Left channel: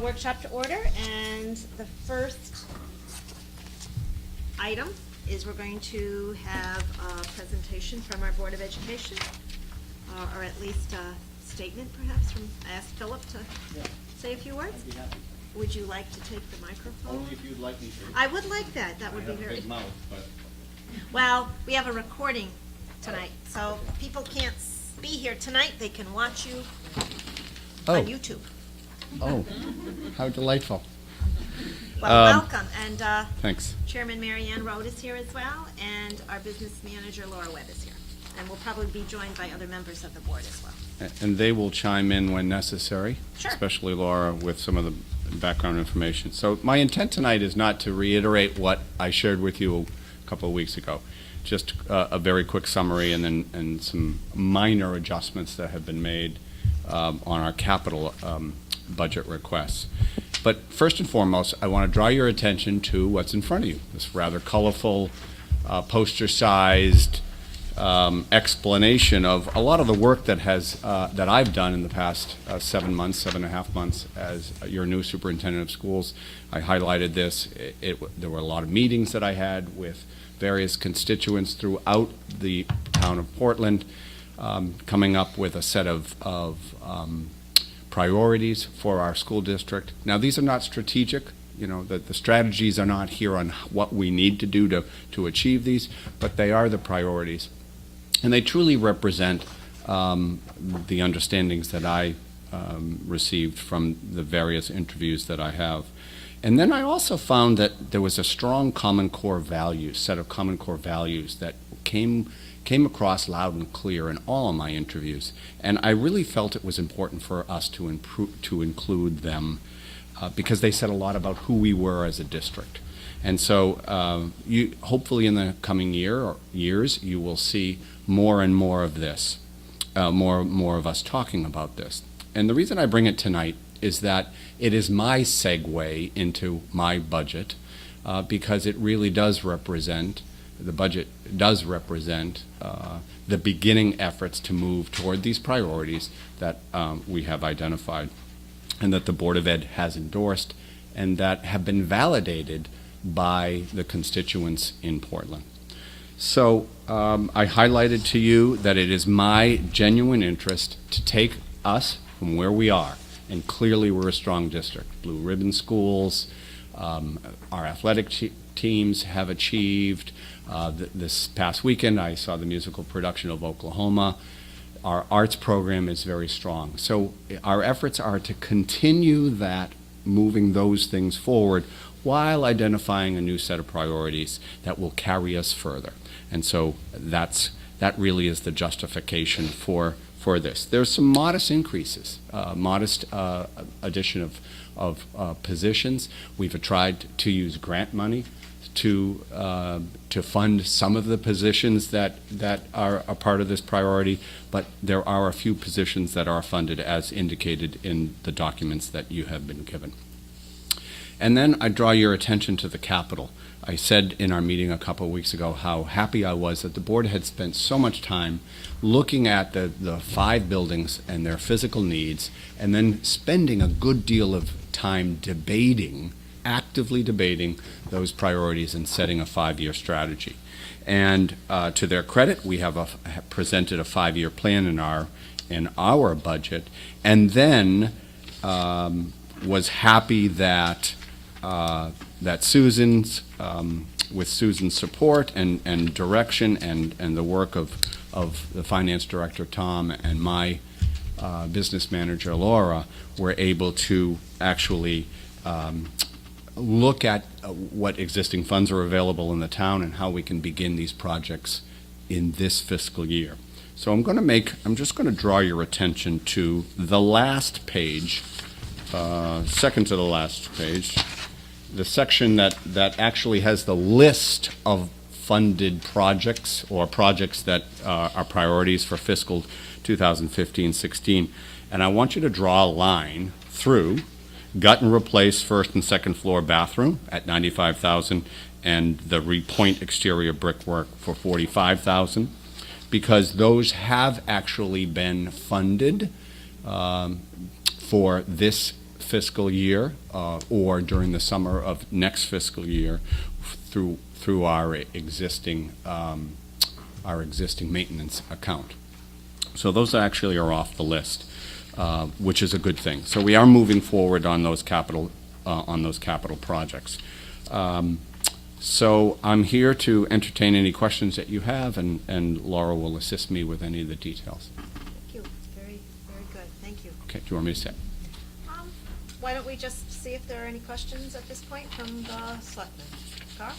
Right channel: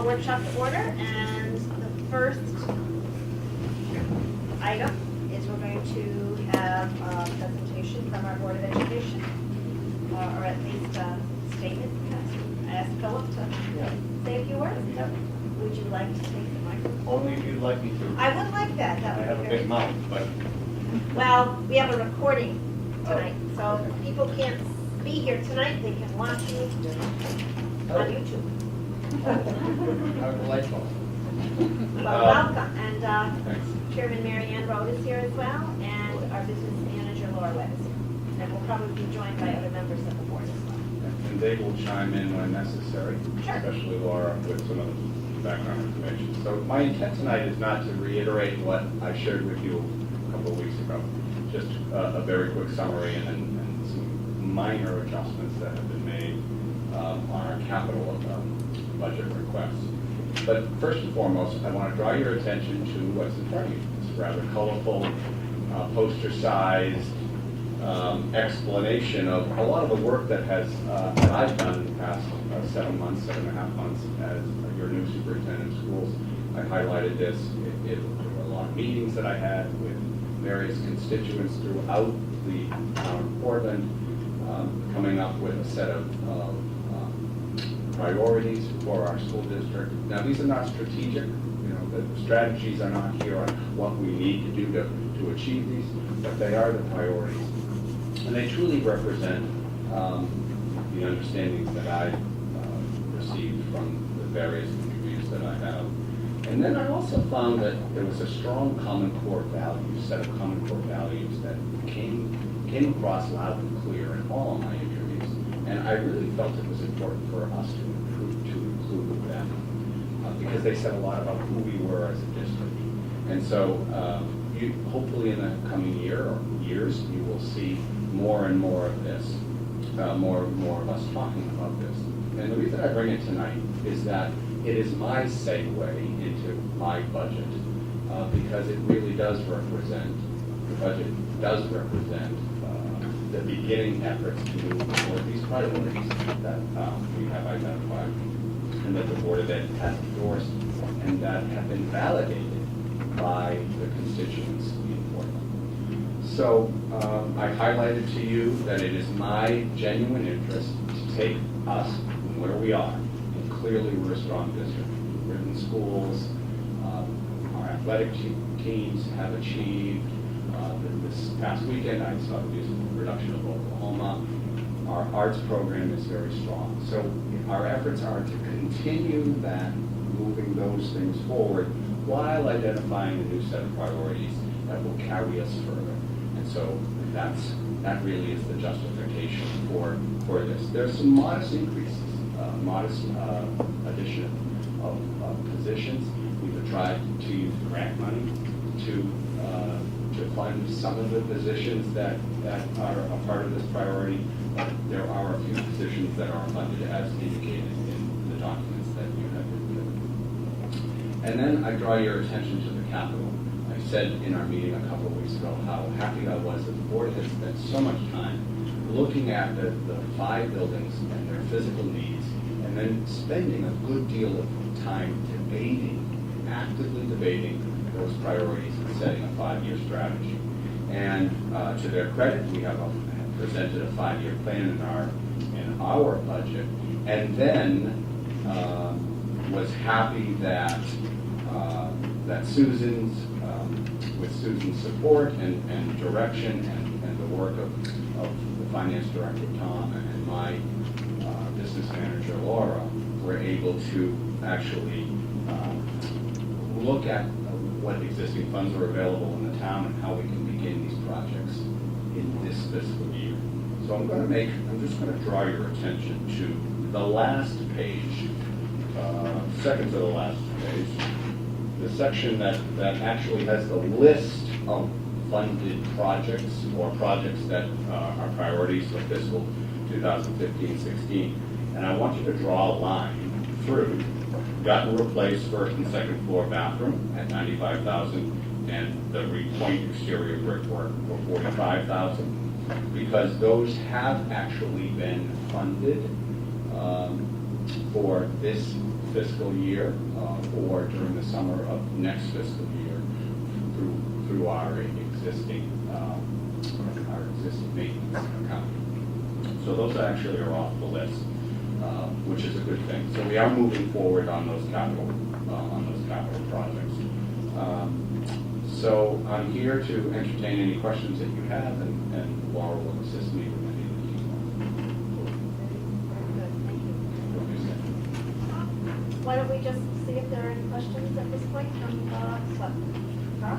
call workshop to order, and the first item is we're going to have a presentation from our Board of Education, or at least state it perhaps. Ask Philip to say a few words. Yep. Would you like to take the microphone? Only if you'd like me to. I would like that. That I would have be a very. big mouth, but Well, we have a recording tonight, so if people can't be here tonight, they can watch you on YouTube. Oh, how delightful. Well, welcome, and Thanks. Chairman Mary Ann Road is here as well, and our business manager Laura Webb is here. And we'll probably be joined by other members of the board as well. And they will chime in when necessary, Sure. especially Laura with some of the background information. So my intent tonight is not to reiterate what I shared with you a couple of weeks ago. Just a very quick summary and some minor adjustments that have been made on our capital budget requests. But first and foremost, I want to draw your attention to what's in front of you. This rather colorful, poster-sized explanation of a lot of the work that I've done in the past 7 months, 7.5 months as your new superintendent of schools. I highlighted this. There were a lot of meetings that I had with various constituents throughout the town of Portland, coming up with a set of priorities for our school district. Now, these are not strategic. You know, the strategies are not here on what we need to do to achieve these, but they are the priorities. And they truly represent the understandings that I received from the various interviews that I have. And then I also found that there was a strong common core values, set of common core values that came across loud and clear in all of my interviews. And I really felt it was important for us to include them because they said a lot about who we were as a district. And so hopefully in the coming year or years, you will see more and more of this, more of us talking about this. And the reason I bring it tonight is that it is my segue into my budget because it really does represent, the budget does represent the beginning efforts to move toward these priorities that we have identified and that the Board of Ed has endorsed and that have been validated by the constituents in Portland. So I highlighted to you that it is my genuine interest to take us from where we are, and clearly we're a strong district. Blue ribbon schools, our athletic teams have achieved. This past weekend I saw the musical production of Oklahoma. Our arts program is very strong. So our efforts are to continue that, moving those things forward while identifying a new set of priorities that will carry us further. And so that really is the justification for this. There's some modest increases, modest addition of positions. We've tried to use grant money to fund some of the positions that are a part of this priority, but there are a few positions that are funded as indicated in the documents that you have been given. And then I draw your attention to the capital. I said in our meeting a couple of weeks ago how happy I was that the board had spent so much time looking at the 5 buildings and their physical needs, and then spending a good deal of time actively debating those priorities and setting a 5-year strategy. And to their credit, we have presented a 5-year plan in our budget, and then was happy that Susan's, with Susan's support and direction and the work of the finance director Tom and my business manager Laura, were able to actually look at what existing funds are available in the town and how we can begin these projects in this fiscal year. So I'm just going to draw your attention to the last page, second to the last page, the section that actually has the list of funded projects or projects that are priorities for fiscal 2015-16. And I want you to draw a line through gut and replace first and second floor bathroom at $95,000 and the repoint exterior brickwork for $45,000, because those have actually been funded for this fiscal year or during the summer of next fiscal year through our existing maintenance account. So those actually are off the list, which is a good thing. So we are moving forward on those capital projects. So I'm here to entertain any questions that you have, and Laura will assist me with any of the details. Thank you. Very, very good. Thank you. Okay, do you want me to say? Why don't we just see if there are any questions at this point from Sutton? Carl?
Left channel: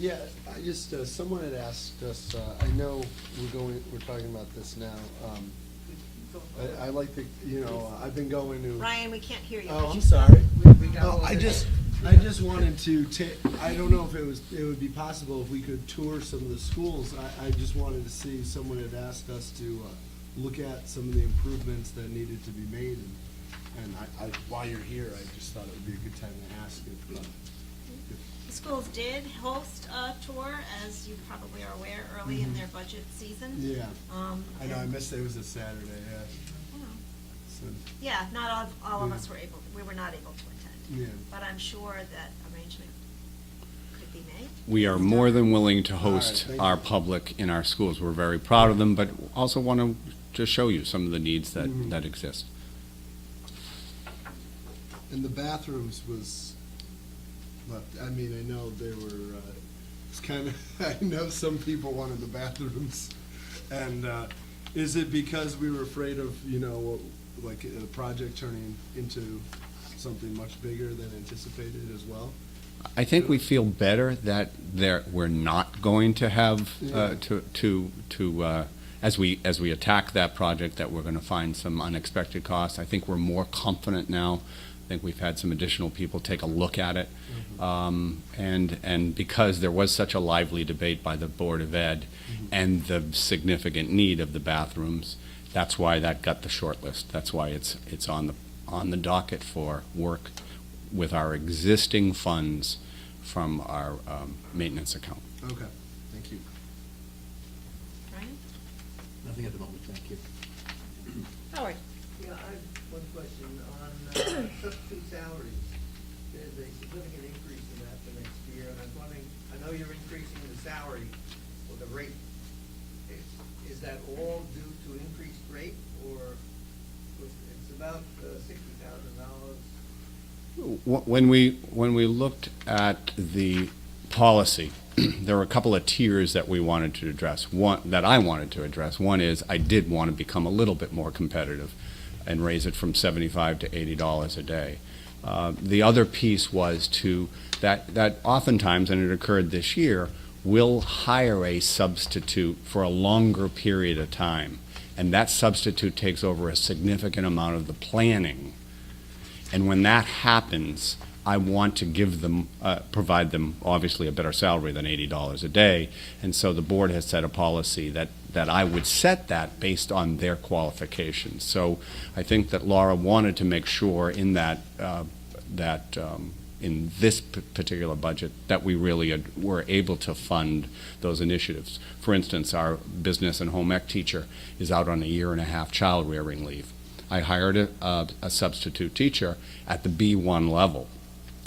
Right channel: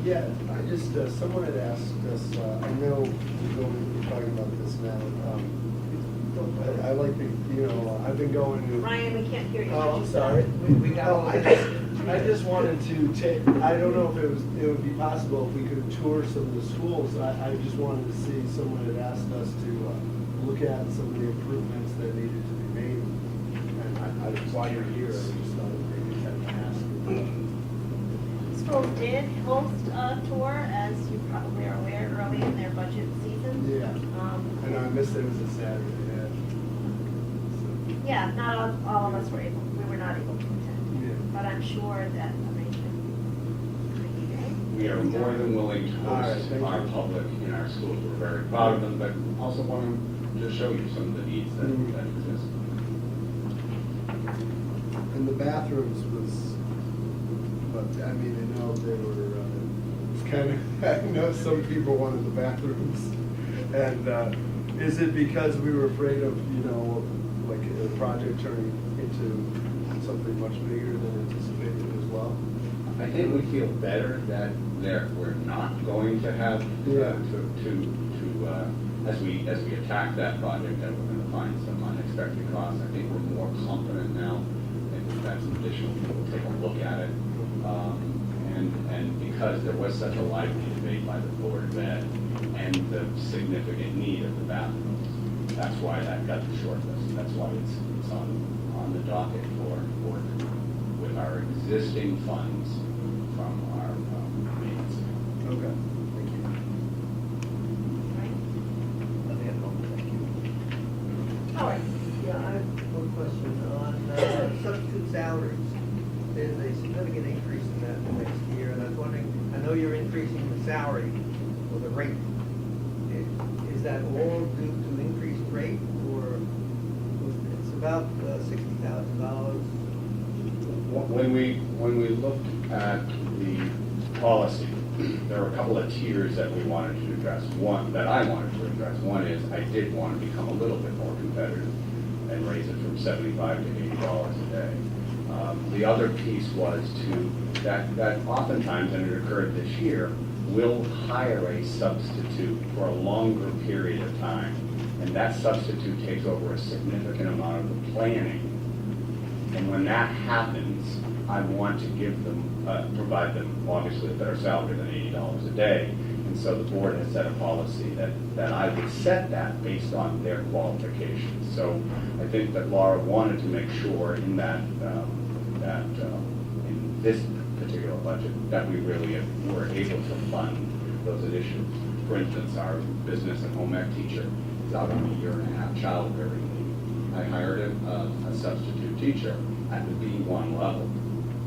Yeah, I just, someone had asked us, I know we're talking about this now, but I like to, I've been going to. Ryan, we can't hear you. Oh, I'm sorry. I just wanted to take, I don't know if it would be possible if we could tour some of the schools. I just wanted to see, someone had asked us to look at some of the improvements that needed to be made. And while you're here, I just thought maybe we'd have to ask. Schools did host a tour, as you probably are aware, early in their budget season. Yeah. And I missed it was a Saturday, yeah. So, Yeah, not all of us were not able to attend. Yeah. But I'm sure that arrangement could be made. We are more than willing to host All right, our thank you. public in our schools. We're very proud of them, but also want to just show you some of the needs Mhm. that exist. And the bathrooms was, I mean, I know they were, it's kind of, I know some people wanted the bathrooms. And is it because we were afraid of, like a project turning into something much bigger than anticipated as well? I think we feel better that we're not going to have Yeah. as we attack that project, that we're going to find some unexpected costs. I think we're more confident now. I think we've had some additional people take a look at it, and because there was such a lively debate by the Board of Ed and the significant need of the bathrooms, that's why that got the short list. That's why it's on the docket for work with our existing funds from our maintenance account. Okay, thank you. Howard? Yeah, I have one question on substitute salaries. There's a significant increase in that the next year, and I was wondering, I know you're increasing the salary or the rate. Is that all due to increased rate, or it's about $60,000? When we looked at the policy, there were a couple of tiers that we wanted to address. That I wanted to address. One is I did want to become a little bit more competitive and raise it from $75 to $80 a day. The other piece was that oftentimes, and it occurred this year, we'll hire a substitute for a longer period of time, and that substitute takes over a significant amount of the planning. And when that happens, I want to give them, provide them obviously a better salary than $80 a day. And so the board has set a policy that I would set that based on their qualifications. So I think that Laura wanted to make sure in that in this particular budget that we really were able to fund those initiatives. For instance, our business and home ec teacher is out on a 1.5-year child rearing leave. I hired a substitute teacher at the B1 level.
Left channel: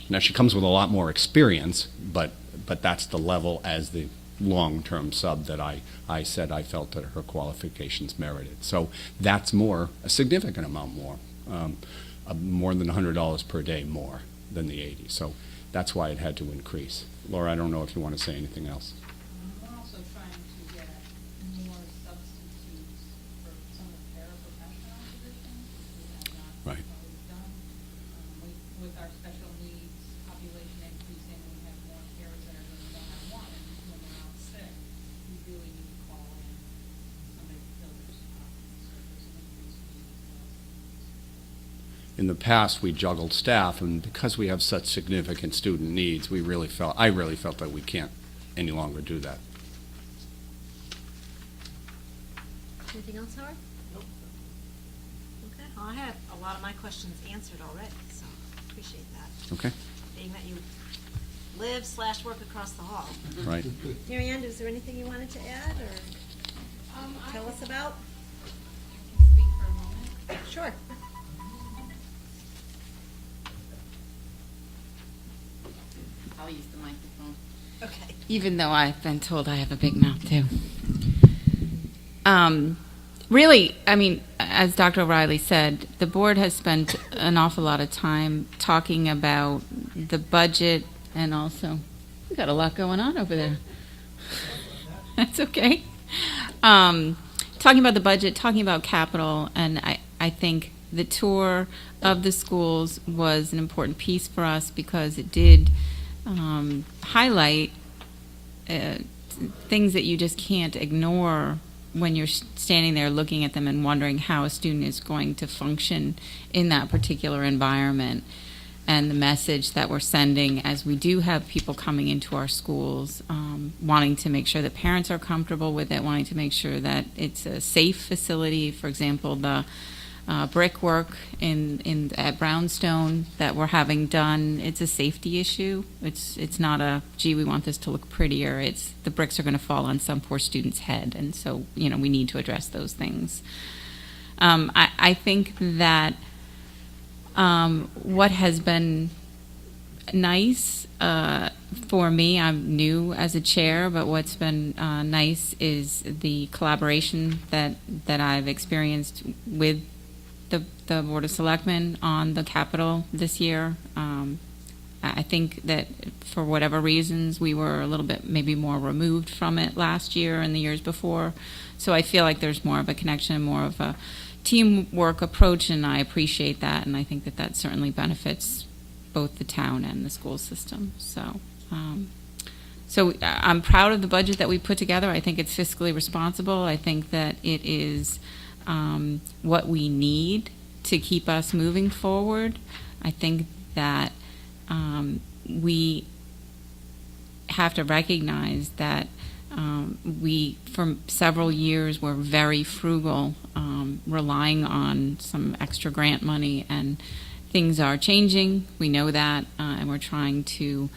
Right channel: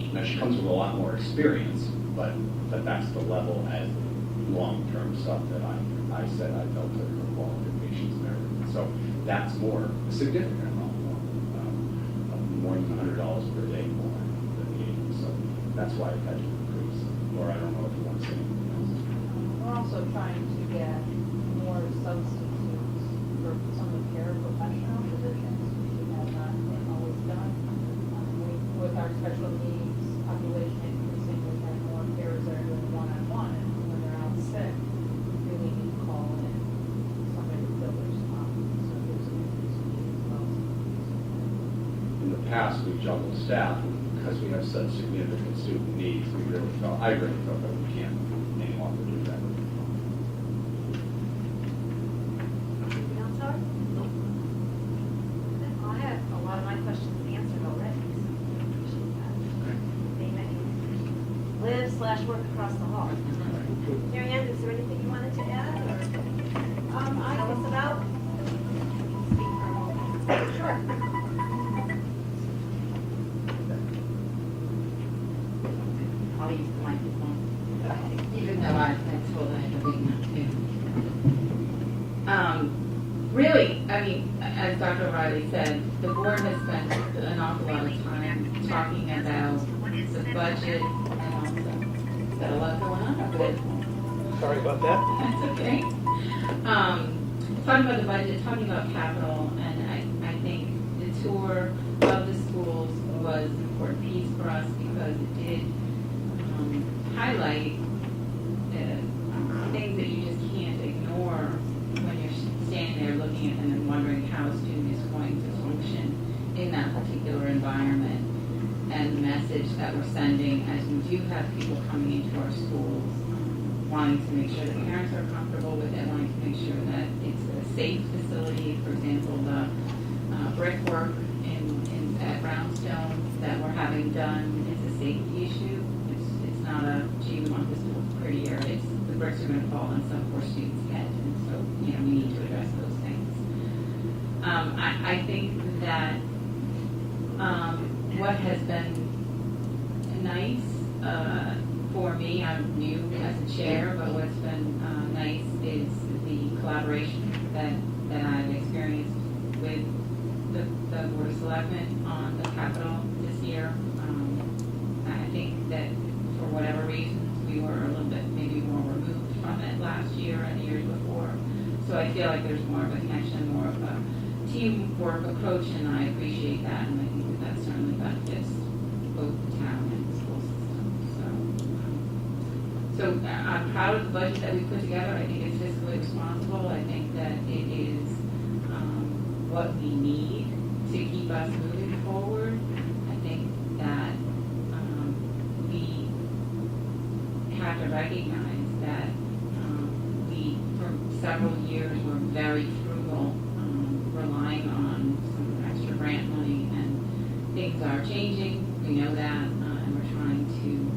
Now, she comes with a lot more experience, but that's the level as the long-term sub that I said I felt that her qualifications merited. So that's a significant amount more than $100 per day more than the 80. So that's why it had to increase. Laura, I don't know if you want to say anything else. We're also trying to get more substitutes for some of the paraprofessional positions. We have not Right. always done. With our special needs population increasing, we have more paras that are doing one-on-one, and when they're out sick, we need to call in somebody to fill their spot. So there's an increase in need as well. In the past, we juggled staff, and because we have such significant student needs, I really felt that we can't any longer do that. Anything else, Howard? Okay, I had a lot of my questions answered already, so I appreciate that. Okay. Amen. Live/work across the hall. Right. Mary Ann, is there anything you wanted to add? Or I tell us was even though I've been told I have a big mouth too. Really, I mean, as Dr. O'Reilly said, the board has spent an awful lot of time talking about the budget and also, we got a lot going on over there. Sorry about that. That's okay. Talking about the budget, talking about capital, and I think the tour of the schools was an important piece for us because it did highlight things that you just can't ignore when you're standing there looking at them and wondering how a student is going to function in that particular environment, and the message that we're sending as we do have people coming into our schools, wanting to make sure that parents are comfortable with it, wanting to make sure that it's a safe facility. For example, the brickwork at Brownstone that we're having done, it's a safety issue. It's not a, gee, we want this to look prettier. It's the bricks are going to fall on some poor student's head, and so we need to address those things. I think that what has been nice for me, I'm new as a chair, but what's been nice is the collaboration that I've experienced with the Board of Selectmen on the Capitol this year. I think that for whatever reasons, we were a little bit maybe more removed from it last year and the years before. So I feel like there's more of a connection, more of a teamwork approach, and I appreciate that, and I think that certainly benefits both the town and the school system. So I'm proud of the budget that we put together. I think it's fiscally responsible. I think that it is what we need to keep us moving forward. I think that we have to recognize that we, for several years, were very frugal, relying on some extra grant money, and things are changing. We know that, and we're trying to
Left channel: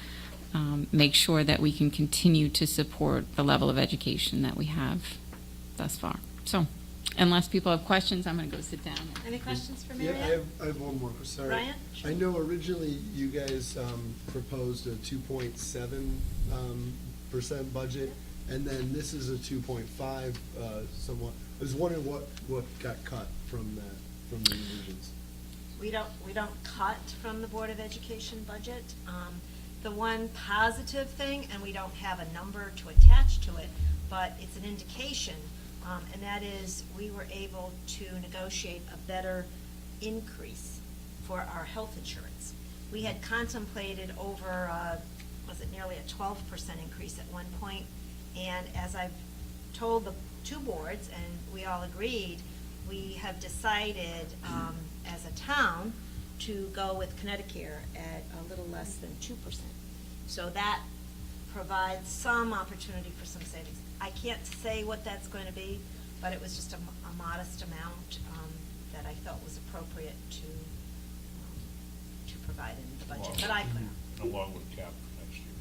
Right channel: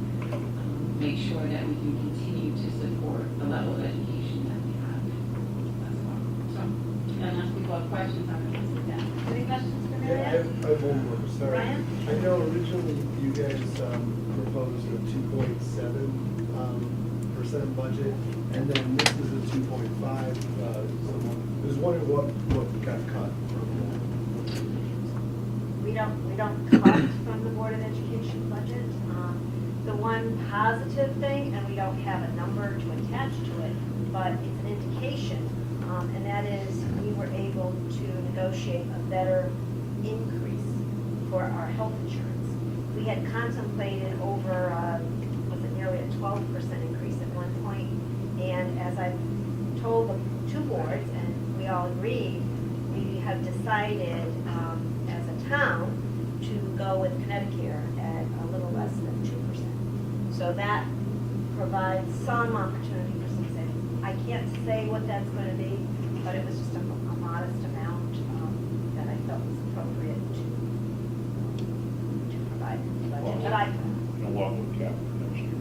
make sure that we can continue to support the level of education that we have thus far. So, unless people have questions, I'm going to go sit down. Any questions for Yeah, Mary I have one more, sorry. Ryan? I know originally you guys proposed a 2.7% budget, and then this is a 2.5. So I was wondering what got cut from that. We don't cut from the Board of Education budget. The one positive thing, and we don't have a number to attach to it, but it's an indication, and that is we were able to negotiate a better increase for our health insurance. We had contemplated over, was it nearly a 12% increase at one point, and as I've told the two boards, and we all agreed, we have decided as a town to go with Connecticut at a little less than 2%. So that provides some opportunity for some savings. I can't say what that's going to be, but it was just a modest amount that I felt was appropriate to provide in the budget. But Along with cap next year.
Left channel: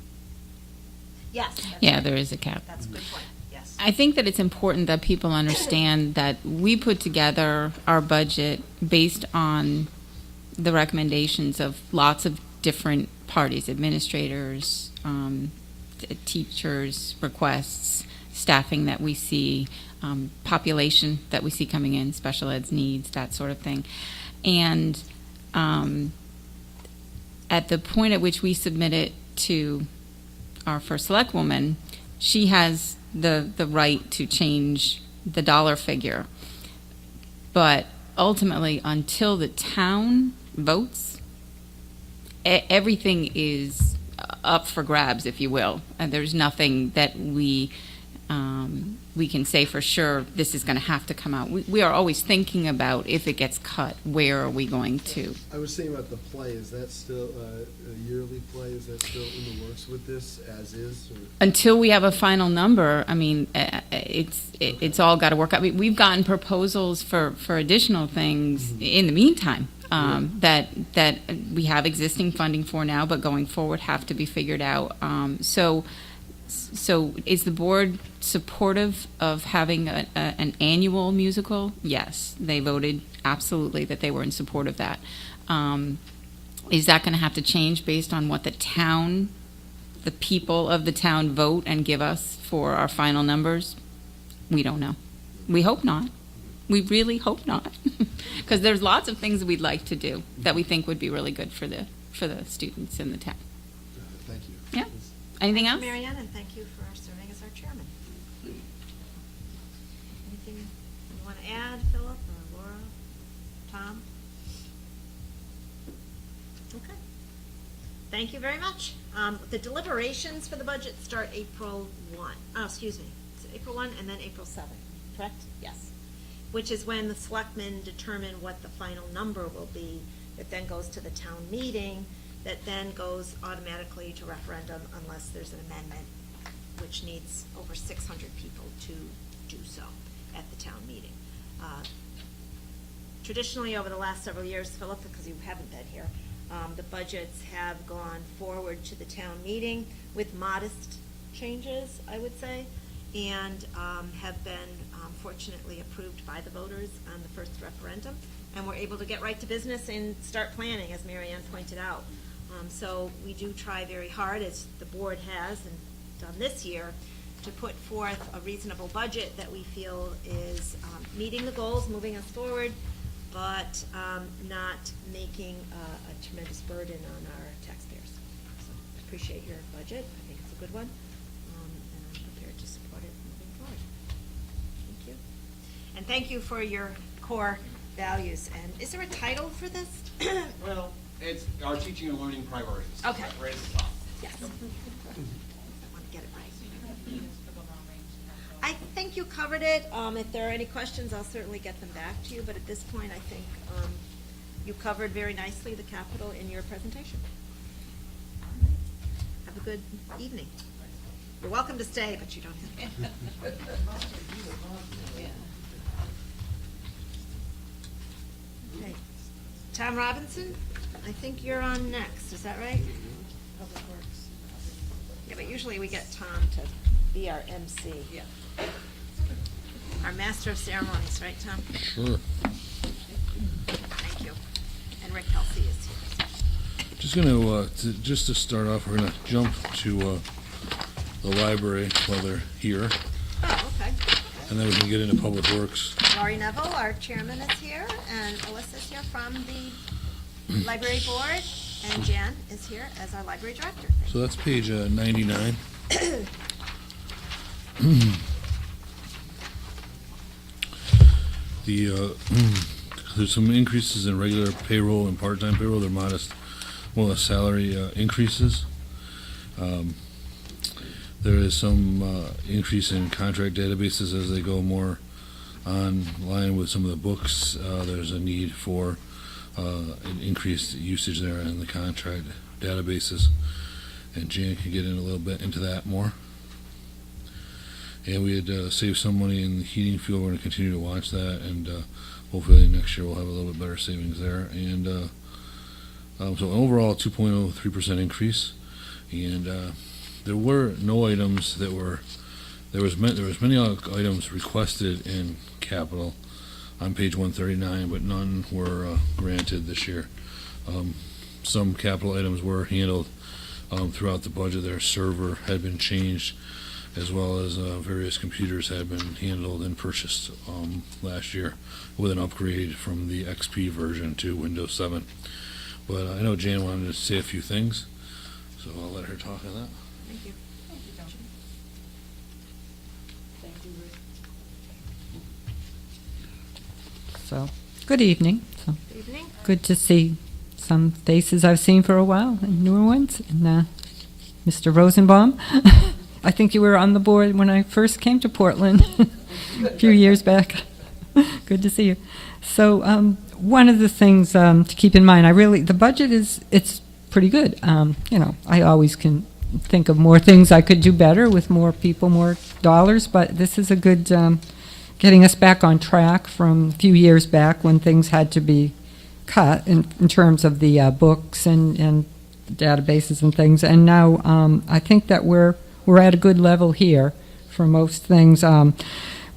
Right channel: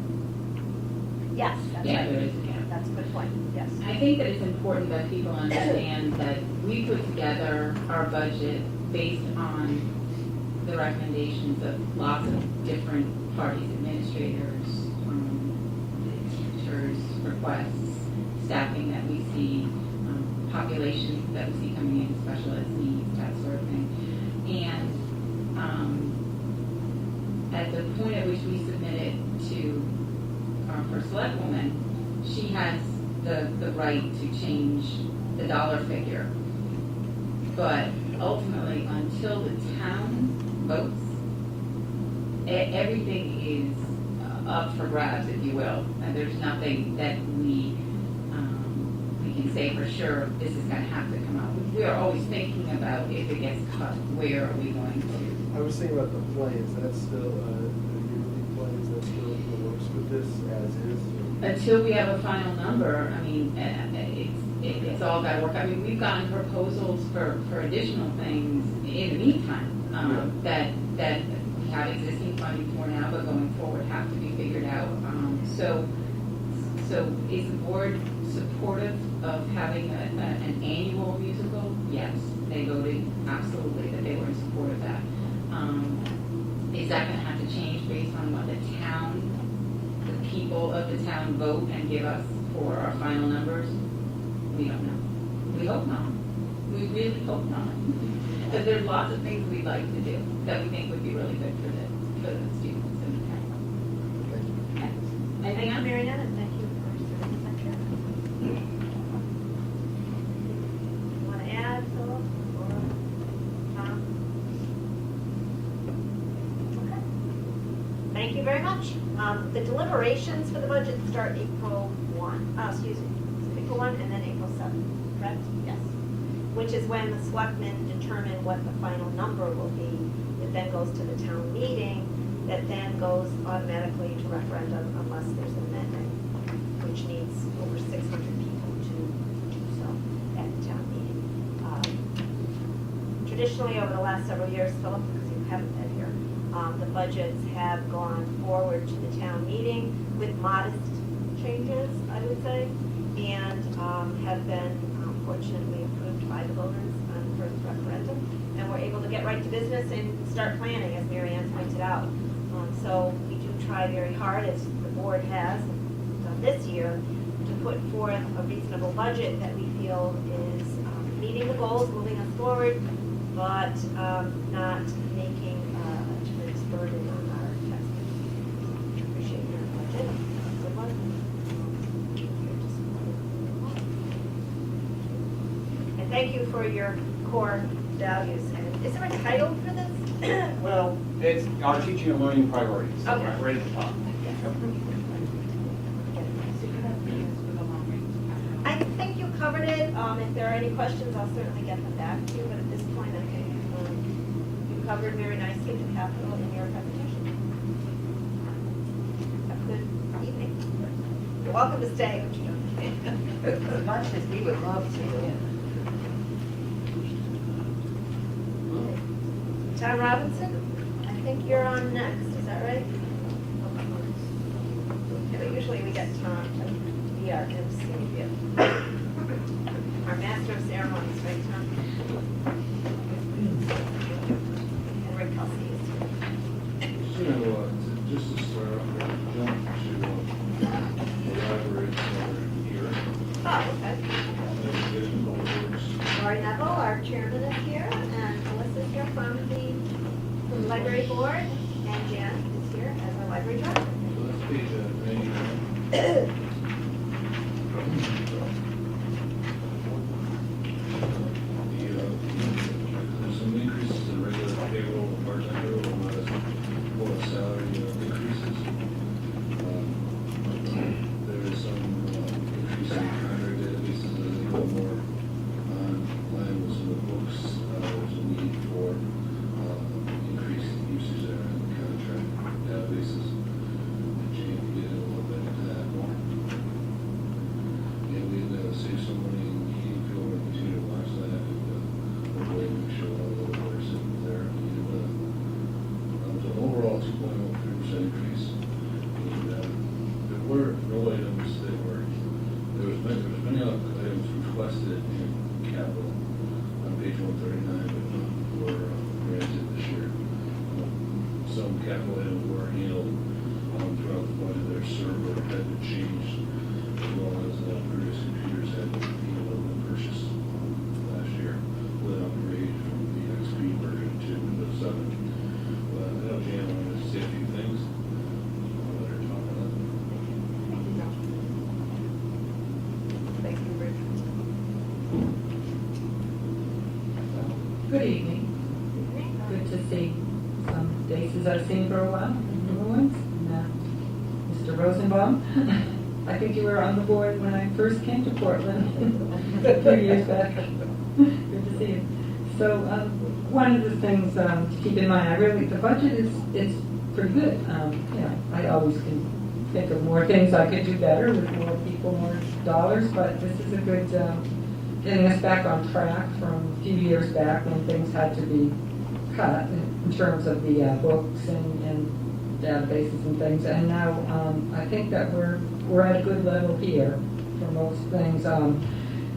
yes. that's Yeah, right. there is a cap. That's a good point, yes. I think that it's important that people understand that we put together our budget based on the recommendations of lots of different parties, administrators, teachers' requests, staffing that we see, population that we see coming in, special ed's needs, that sort of thing. And at the point at which we submit it to our first select woman, she has the right to change the dollar figure. But ultimately, until the town votes, everything is up for grabs, if you will. And there's nothing that we can say for sure this is going to have to come out. We are always thinking about if it gets cut, where are we going to? I was thinking about the play. Is that still a yearly play? Is that still in the works with this as is? Until we have a final number, I mean, it's all got to work out. I mean, we've gotten proposals for additional things in the meantime that we have existing funding for now, but going forward have to be figured out. So is the board supportive of having an annual musical? Yes, they voted absolutely that they were in support of that. Is that going to have to change based on what the town the people of the town vote and give us for our final numbers? We don't know. We hope not. We really hope not. Because there's lots of things we'd like to do that we think would be really good for the students in the town. Thank you. Yeah. Anything else? Mary Ann, and thank you for serving as our chair. Want to add, Philip, or Tom? Okay. Thank you very much. The deliberations for the budget start April 1, it's April 1 and then April 7, correct? Yes. Which is when the selectmen determine what the final number will be, that then goes to the town meeting, that then goes automatically to referendum unless there's an amendment, which needs over 600 people to do so at the town meeting. Traditionally, over the last several years, Philip, because you haven't been here, the budgets have gone forward to the town meeting with modest changes, I would say, and have been fortunately approved by the voters on the first referendum. And we're able to get right to business and start planning, as Mary Ann pointed out. So we do try very hard, as the board has done this year, to put forth a reasonable budget that we feel is meeting the goals, moving us forward, but not making a tremendous burden on our taxpayers. So appreciate your budget, a good one. Here to support it. And thank you for your core values. And is there a title for this? Well, it's our teaching and learning priorities. Okay. Right at the top. Yes. So you have meetings with the long range capital. I think you covered it. If there are any questions, I'll certainly get them back to you, but at this point, I think you covered very nicely the capital in your presentation. Have a good evening. You're welcome to stay, but you don't. As much as we would love to, Tom Robinson, I think you're on next, is that right? Yeah, but usually we get Tom to be our MC. Our master of ceremonies, right, Tom? Thank you. And Ray Kelsey is here. Just gonna, just to start off, we're gonna jump to the library while they're here, Oh, okay. and then we can get into Public Works. Laurie Neville, our chairman, is here, and Melissa's here from the library board, and Jen is here as our library director. So that's page 99. There's some increases in regular payroll and part-time payroll. They're modest, more the salary increases. There is some increase in contract databases as they go more online with some of the books. There's a need for an increased usage there in the contract databases, and Jan can get in a little bit into that more. And we had saved some money in the heating fuel. We're going to continue to watch that, and hopefully next year we'll have a little bit better savings there. And so overall 2.03% increase, and there were no items that were, there was many items requested in capital on page 139, but none were granted this year. Some capital items were handled throughout the budget. Their server had been changed, as well as various computers had been handled and purchased last year with an upgrade from the XP version to Windows 7. But I know Jan wanted to say a few things, so I'll let her talk to that. thank you, Rick. So, good evening. So, good to see some faces I've seen for a while, and newer ones. And Mr. Rosenbaum, I think you were on the board when I first came to Portland a few years back. Good to see you. So, one of the things to keep in mind, the budget it's pretty good. I always can think of more things I could do better with more people, more dollars, but this is a good getting us back on track from a few years back when things had to be cut in terms of the books and databases and things. And now I think that we're at a good level here for most things.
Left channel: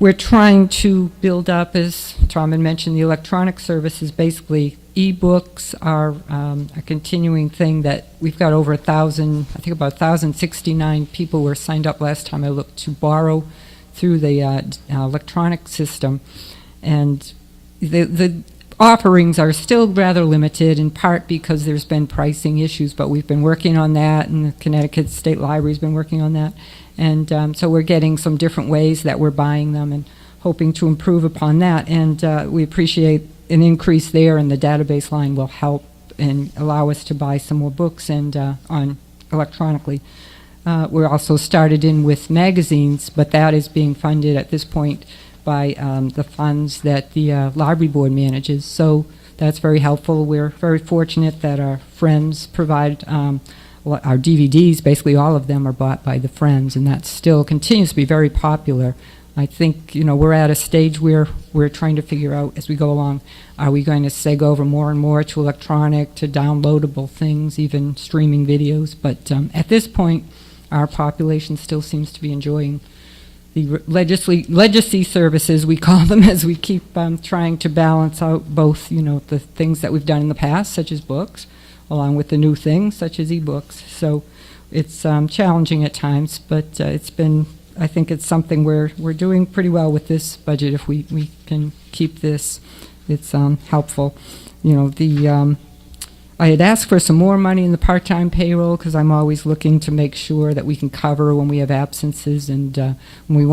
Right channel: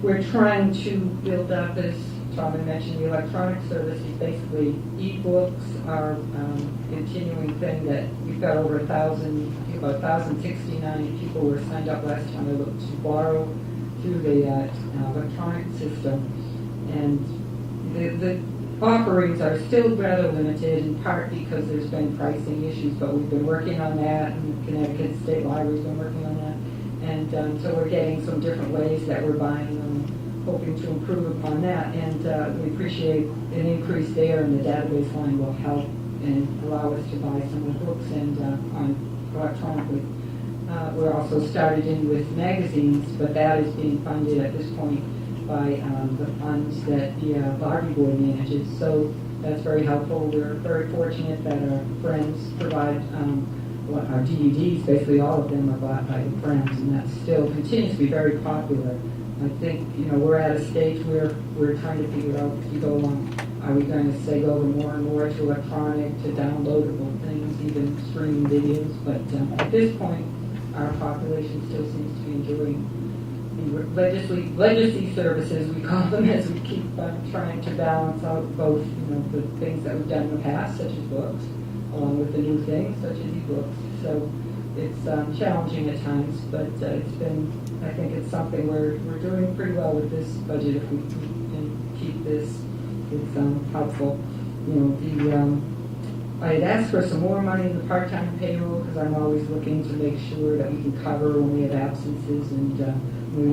we're trying to build up, as Tom had mentioned, the electronic services. Basically, e-books are a continuing thing that we've got over 1,000, I think about 1,069 people were signed up last time I looked to borrow through the electronic system. And the offerings are still rather limited, in part because there's been pricing issues, but we've been working on that, and the Connecticut State Library's been working on that. And so we're getting some different ways that we're buying them and hoping to improve upon that. And we appreciate an increase there, and the database line will help and allow us to buy some more books and on electronically. We're also started in with magazines, but that is being funded at this point by the funds that the library board manages. So that's very helpful. We're very fortunate that our friends provide our DVDs. Basically all of them are bought by the Friends, and that still continues to be very popular. I think, we're at a stage where we're trying to figure out as we go along, are we going to seg over more and more to electronic, to downloadable things, even streaming videos. But at this point, our population still seems to be enjoying the legacy services, we call them, as we keep trying to balance out both, the things that we've done in the past, such as books, along with the new things, such as e-books. So it's challenging at times, but I think it's something we're doing pretty well with this budget. If we can keep this, it's helpful. I had asked for some more money in the part-time payroll because I'm always looking to make sure that we can cover when we have absences, and when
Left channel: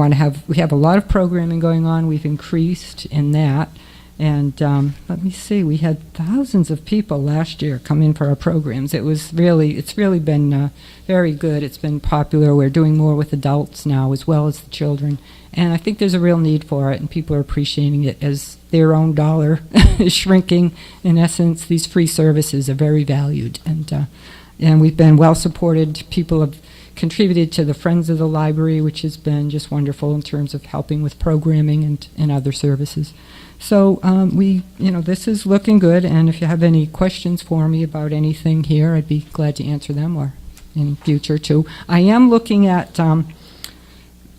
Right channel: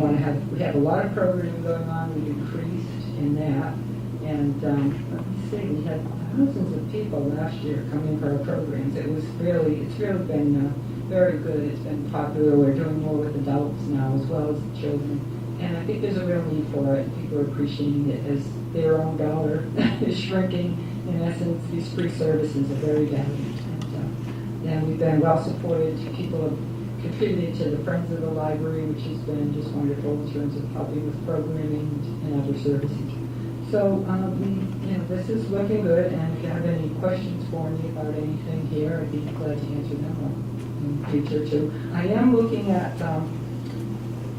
we have a lot of programming going on. We've increased in that, and let me see, we had thousands of people last year come in for our programs. It's really been very good. It's been popular. We're doing more with adults now as well as the children. And I think there's a real need for it, and people are appreciating it as their own dollar is shrinking. In essence, these free services are very valued, and we've been well supported. People have contributed to the Friends of the Library, which has been just wonderful in terms of helping with programming and other services. So this is looking good, and if you have any questions for me about anything here, I'd be glad to answer them, or in future too. I am looking at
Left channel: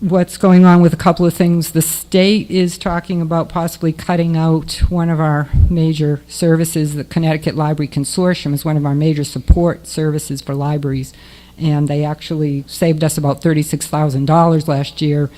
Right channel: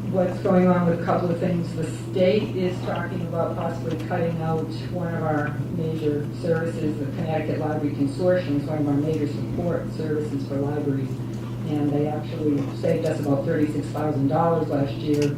what's going on with a couple of things. The state is talking about possibly cutting out one of our major services. The Connecticut Library Consortium is one of our major support services for libraries, and they actually saved us about $36,000 last year.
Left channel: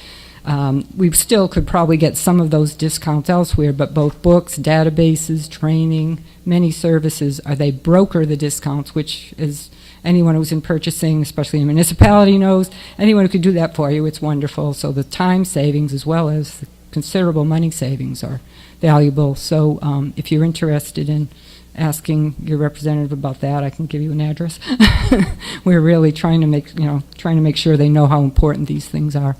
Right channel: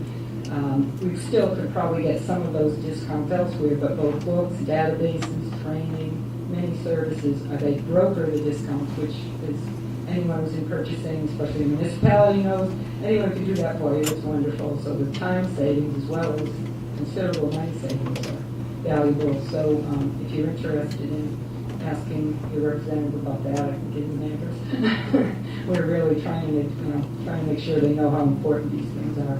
We still could probably get some of those discounts elsewhere, but both books, databases, training, many services, they broker the discounts, which is anyone who's in purchasing, especially a municipality, knows. Anyone who could do that for you, it's wonderful. So the time savings as well as considerable money savings are valuable. So if you're interested in asking your representative about that, I can give you an address. We're really trying to make sure they know how important these things are.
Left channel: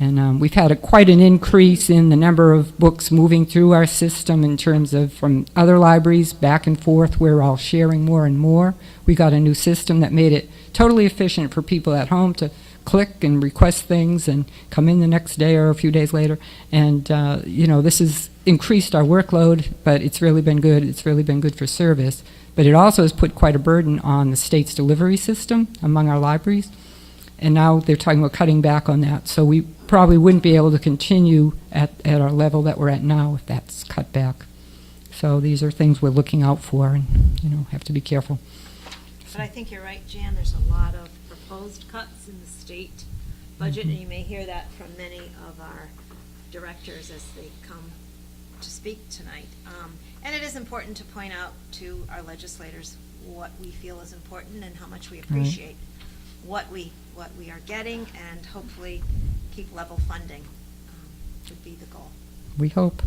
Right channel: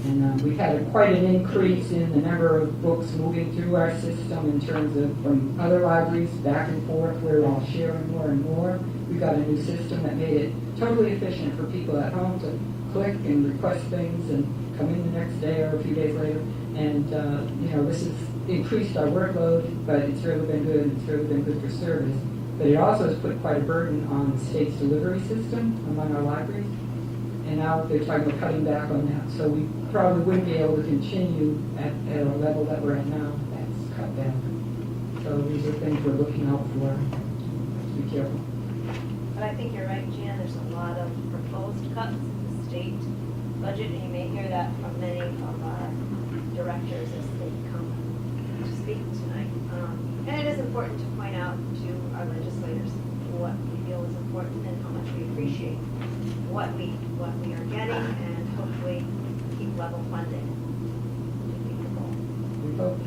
And we've had quite an increase in the number of books moving through our system in terms of from other libraries back and forth. We're all sharing more and more. We got a new system that made it totally efficient for people at home to click and request things and come in the next day or a few days later. And, this has increased our workload, but it's really been good. It's really been good for service. But it also has put quite a burden on the state's delivery system among our libraries. And now they're talking about cutting back on that. So we probably wouldn't be able to continue at our level that we're at now if that's cut back. So these are things we're looking out for, and have to be careful. But I think you're right, Jan, there's a lot of proposed cuts in the state budget, and you may hear that from many of our directors as they come to speak tonight. And it is important to point out to our legislators what we feel is important and how much we appreciate what we are getting, and hopefully keep level funding would be the goal. We hope.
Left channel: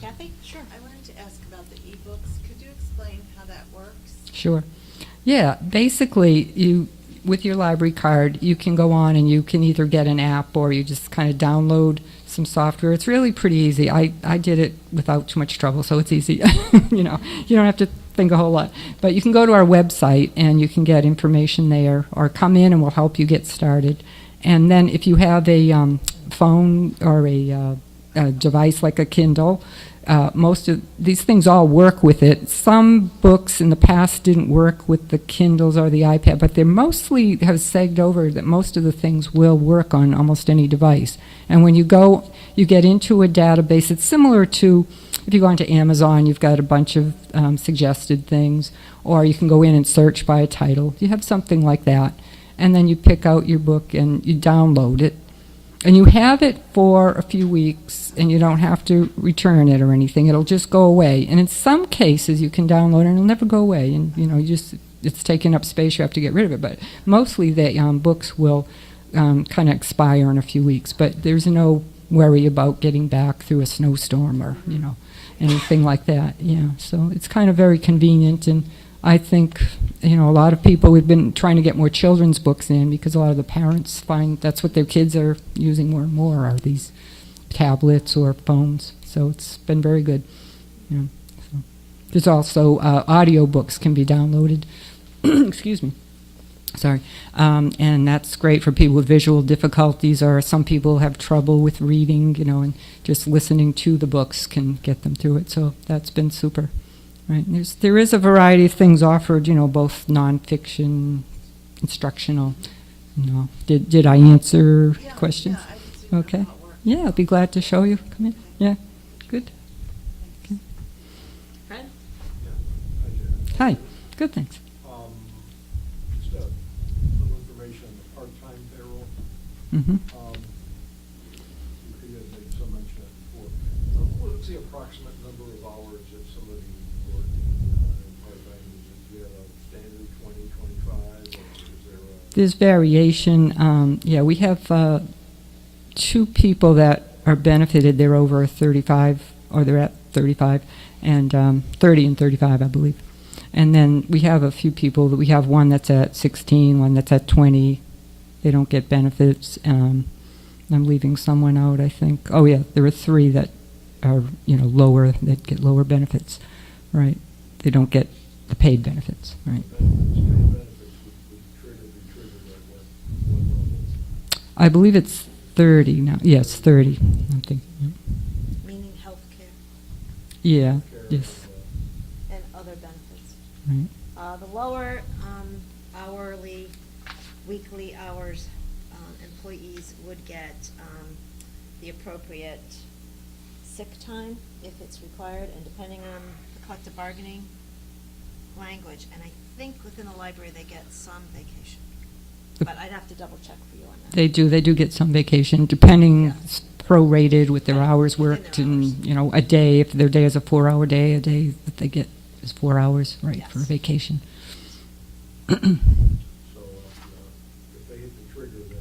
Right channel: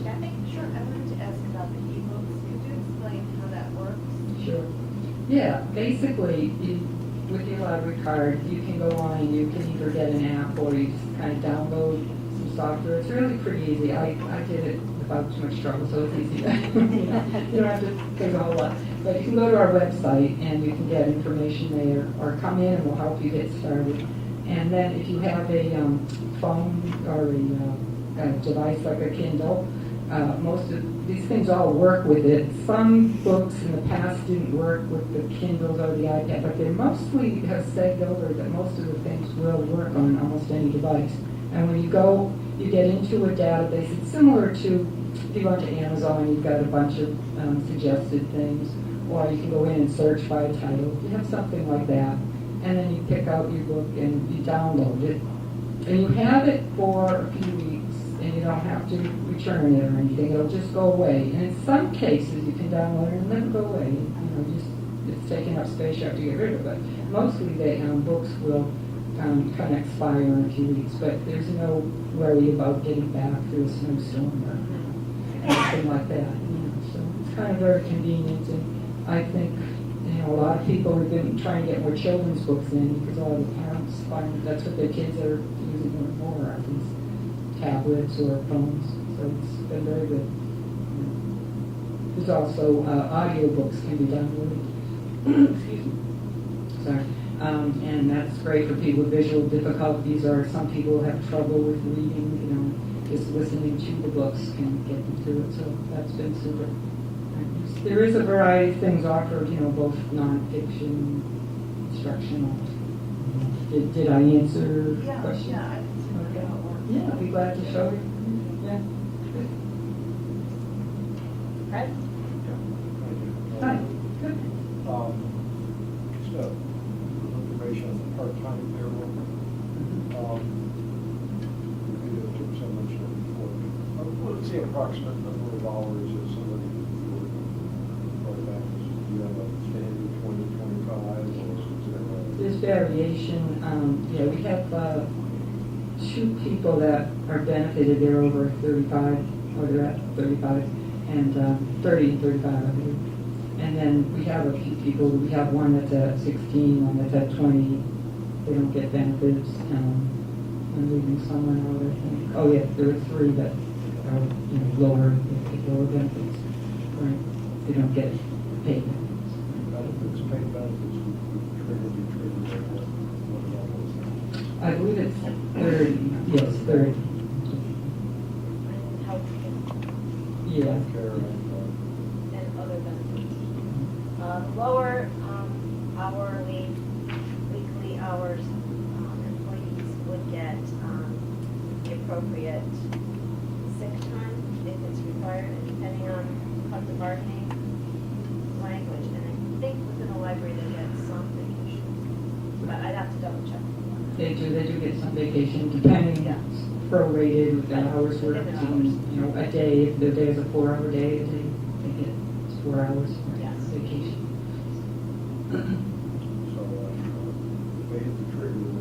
Kathy? Sure. I wanted to ask about the e-books. Could you explain how that works? Sure. Yeah, basically, with your library card, you can go on and you can either get an app or you just kind of download some software. It's really pretty easy. I did it without too much trouble, so it's easy. You don't have to think a whole lot. But you can go to our website and you can get information there, or come in and we'll help you get started. And then if you have a phone or a device like a Kindle, most of these things all work with it. Some books in the past didn't work with the Kindles or the iPad, but they mostly have sagged over that most of the things will work on almost any device. And when you go, you get into a database. It's similar to if you go onto Amazon, you've got a bunch of suggested things, or you can go in and search by a title. You have something like that, and then you pick out your book and you download it. And you have it for a few weeks, and you don't have to return it or anything. It'll just go away. And in some cases, you can download it, and it'll never go away. And it's taking up space. You have to get rid of it. But mostly, the books will kind of expire in a few weeks. But there's no worry about getting back through a snowstorm or anything like that. Yeah. So it's kind of very convenient, and I think. A lot of people have been trying to get more children's books in because a lot of the parents find that's what their kids are using more and more are these tablets or phones. So it's been very good. Yeah. There's also audio books can be downloaded. Excuse me. Sorry. And that's great for people with visual difficulties, or some people have trouble with reading, and just listening to the books can get them through it. So that's been super. Right. There is a variety of things offered, both nonfiction, instructional. Did I answer questions? Yeah, I answered Okay. all of them. Yeah, I'll be glad to show you. Come in. Yeah, good. Fred? Hi. Good, thanks. Just a little information on the part-time payroll. Mm-hmm. What's the approximate number of hours if somebody would part back? Do you have a standard 20, 25, or is there There's variation. Yeah, we have 2 people that are benefited. They're over 35, or they're at 35, and 30 and 35, I believe. And then we have a few people. We have one that's at 16, one that's at 20. They don't get benefits. I'm leaving someone out, I think. Oh, yeah, there are 3 that are, lower, that get lower benefits, right? They don't get the paid benefits, right? benefits, paid benefits, triggered, what I believe it's 30 now. Yes, 30. And health Yeah, care, yes. and other benefits. Right. The lower hourly, weekly hours employees would get the appropriate sick time if it's required, and depending on collective bargaining language. And I think within the library they get some vacation, but I'd have to double check. They do get some vacation, depending, Yeah. it's prorated with their hours worked, Within their and, a day, if their day is a 4-hour day, a day that they get is 4 hours, right, for Yes. vacation. So, they hit the trigger and then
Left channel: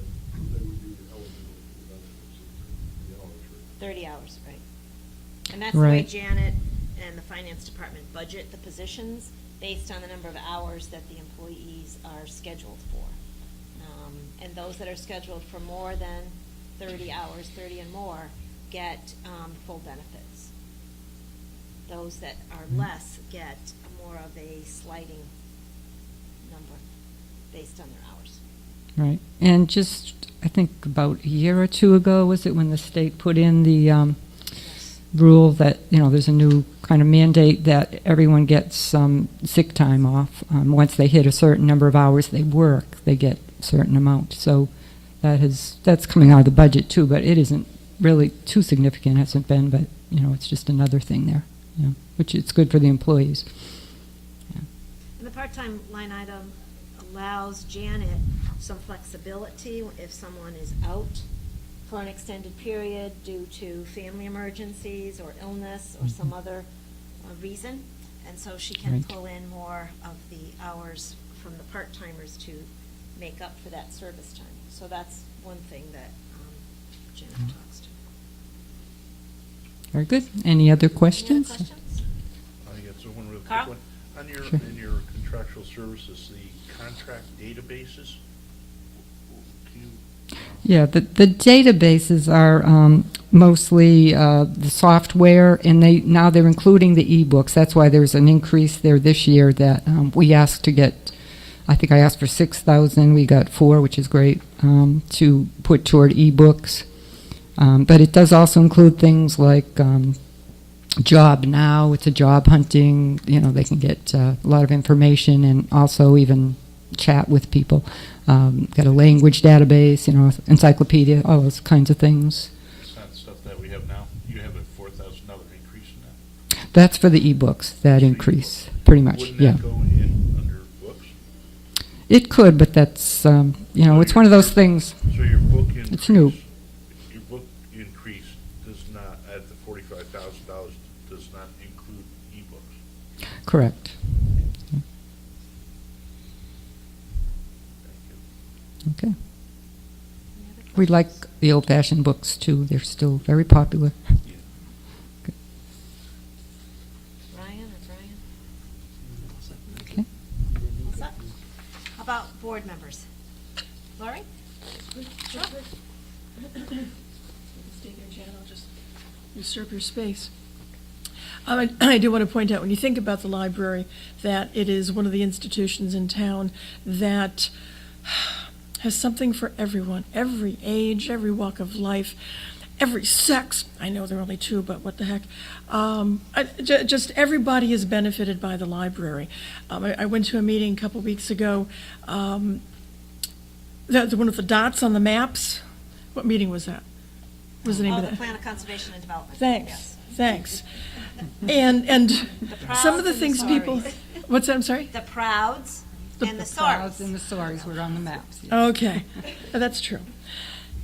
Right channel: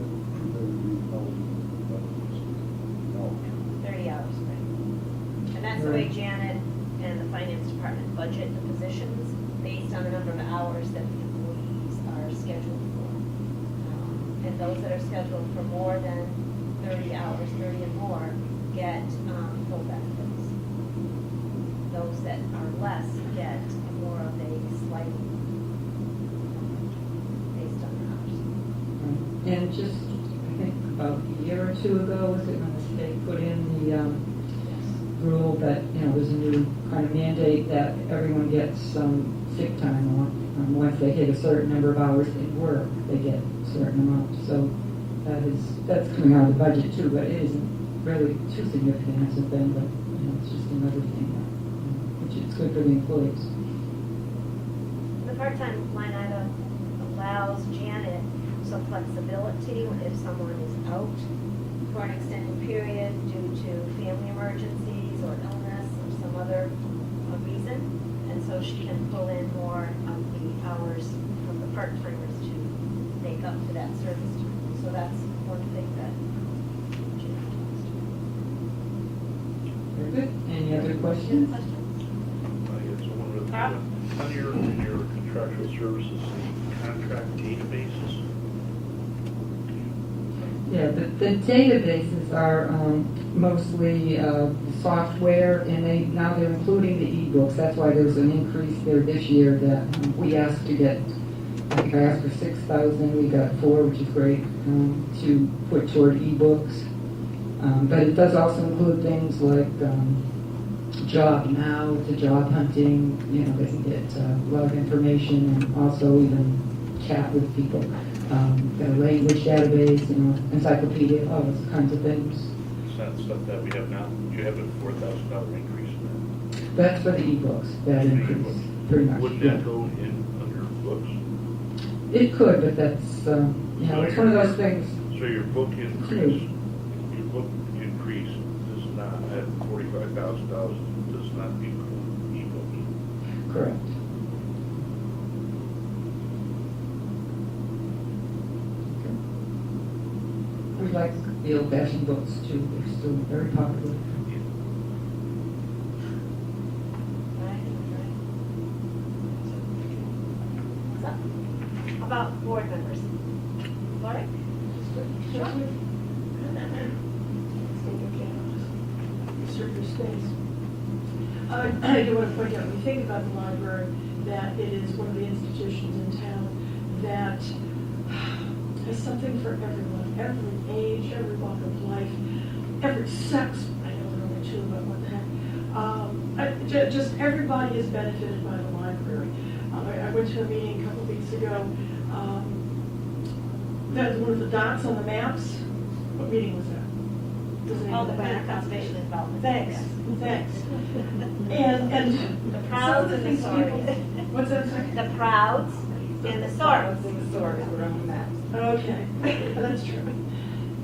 they would be 30 hours, right. And that's the Right. way Janet and the finance department budget the positions based on the number of hours that the employees are scheduled for. And those that are scheduled for more than 30 hours, 30 or more, get full benefits. Those that are less get more of a sliding number based on the hours. Right, and just, I think about a year or 2 ago, was it, when the state put in the rule that, there's a new kind of mandate that everyone gets some sick time off. Once they hit a certain number of hours they work, they get a certain amount. So that's coming out of the budget too, but it isn't really too significant, hasn't been, but, it's just another thing there, which it's good for the employees. The part-time line item allows Janet some flexibility if someone is out for an extended period due to family emergencies or illness or some other reason. And so she can pull in more of the hours from the part-timers to make up for that service time. So that's one thing that Janet talks to. Very good. Any other questions? Questions? I guess one of the, Carl? under your contractual services, the contract databases. Yeah, the databases are mostly the software, and they're including the ebooks. That's why there's an increase there this year that we asked to get. I think I asked for 6,000. We got 4, which is great, to put toward ebooks. But it does also include things like Job Now. It's a job hunting. You know, they can get a lot of information and also even chat with people. Got a language database, you know, encyclopedia, all those kinds of things. It's not stuff that we have now. You have a $4,000 increase in that. That's for the ebooks, that increase, pretty much, Wouldn't yeah. that go in under books? It could, but that's, you know, it's one of those things. So your book increase. It's new. Your book increase does not, that $45,000 does not include ebooks. Correct. Okay. We like the old-fashioned books, too. They're still very popular. Ryan, that's Okay. right. So, about board members. All right? Serve your space. I do want to point out, when you think about the library, that it is one of the institutions in town that has something for everyone, every age, every walk of life, every sex. I know there are only 2, but what the heck. Just everybody is benefited by the library. I went to a meeting a couple weeks ago. That's one of the dots on the maps. What meeting was that? What was the name Oh, of the that? plan of conservation and development. Thanks, Yes. thanks. And some of the Prouds things and the people, Sorries. what's that, I'm sorry? The prouds and the sorries. And the swords were on the maps. Okay, that's true.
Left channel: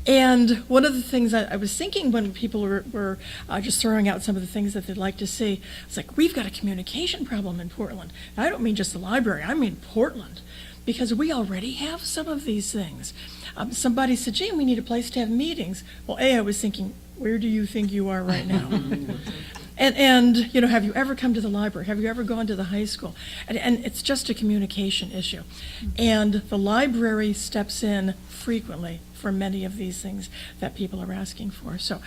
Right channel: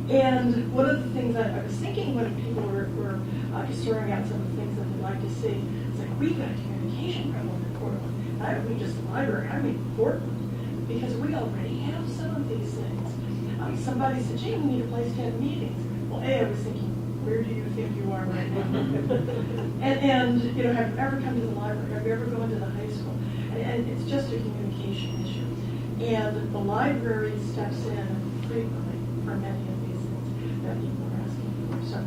And one of the things that I was thinking when people were just throwing out some of the things that they'd like to see, it's like, we've got a communication problem in Portland. And I don't mean just the library, I mean Portland, because we already have some of these things. Somebody said, gee, we need a place to have meetings. Well, I was thinking, where do you think you are right now? and you know, have you ever come to the library? Have you ever gone to the high school? And it's just a communication issue. And the library steps in frequently for many of these things that people are asking for. So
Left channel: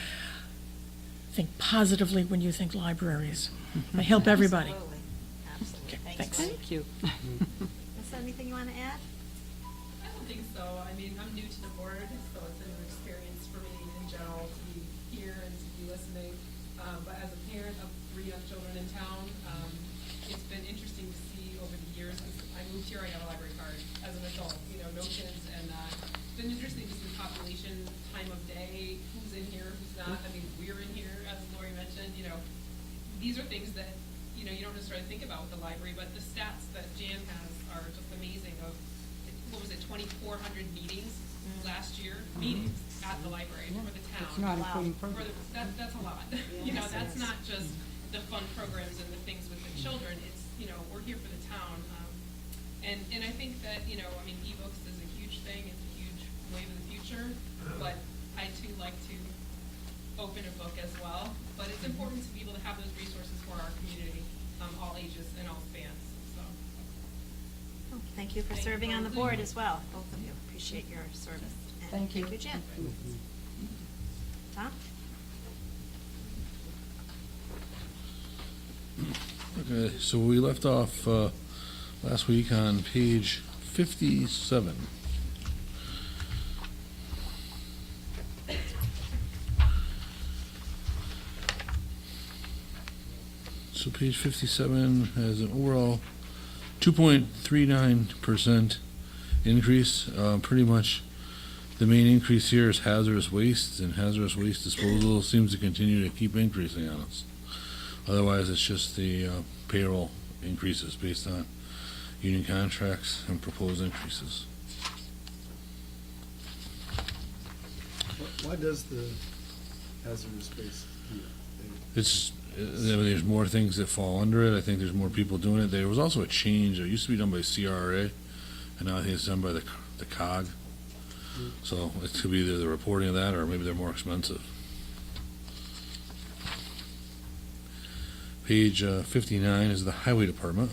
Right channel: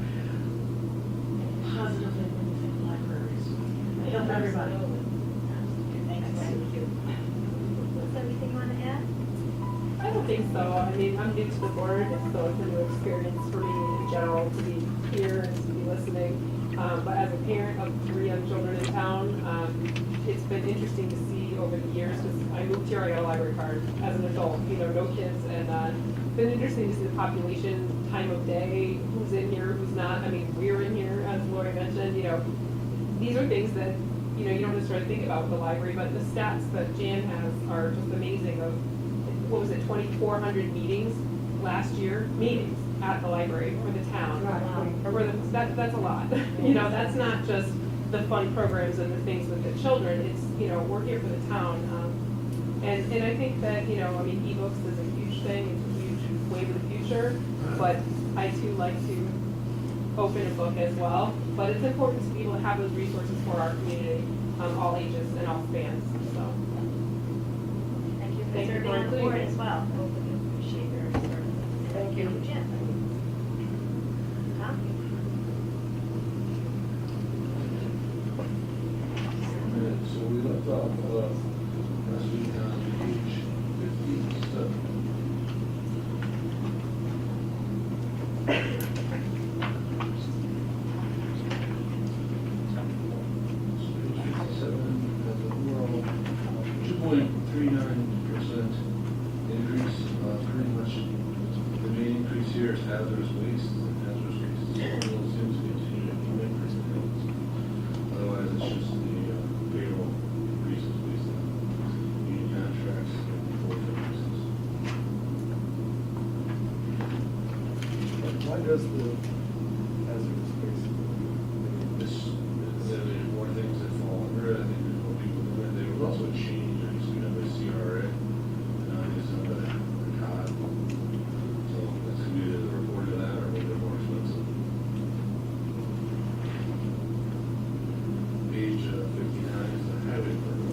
think positively when you think libraries. They help everybody. Okay, thanks. Thank you. Is there anything you want to add? I don't think so. I mean, I'm new to the board, so it's a new experience for me in general to be here and to be listening. But as a parent of 3 young children in town, it's been interesting to see over the years, because I moved here, I got a library card as an adult, you know, no kids, and it's been interesting to see the population, time of day, who's in here, who's not. I mean, we're in here, as Lori mentioned, you know, these are things that, you know, you don't necessarily think about with the library, but the stats that Jan has are just amazing of, what was it, 2,400 meetings last year, meetings at the library for the town. Wow. That's a lot. You know, that's not just the fun programs and the things with the children, it's, you know, we're here for the town. And I think that, you know, I mean, ebooks is a huge thing, it's a huge wave of the future, but I too like to open a book as well. But it's important to be able to have those resources for our community, all ages and all fans, so. Thank you for Thank you serving for on the including board me. as well. We appreciate your service. And Thank you. Jen. Tom? Okay, so we left off last week on page 57. So page 57 has an overall 2.39% increase. Pretty much the main increase here is hazardous waste, and hazardous waste disposal seems to continue to keep increasing on us. Otherwise, it's just the payroll increases based on union contracts and proposed increases. What does the hazardous waste? It's, there's more things that fall under it. I think there's more people doing it. There was also a change. It used to be done by CRA, and now I think it's done by the COG. So it could be either the reporting of that, or maybe they're more expensive. Page 59 is the highway department,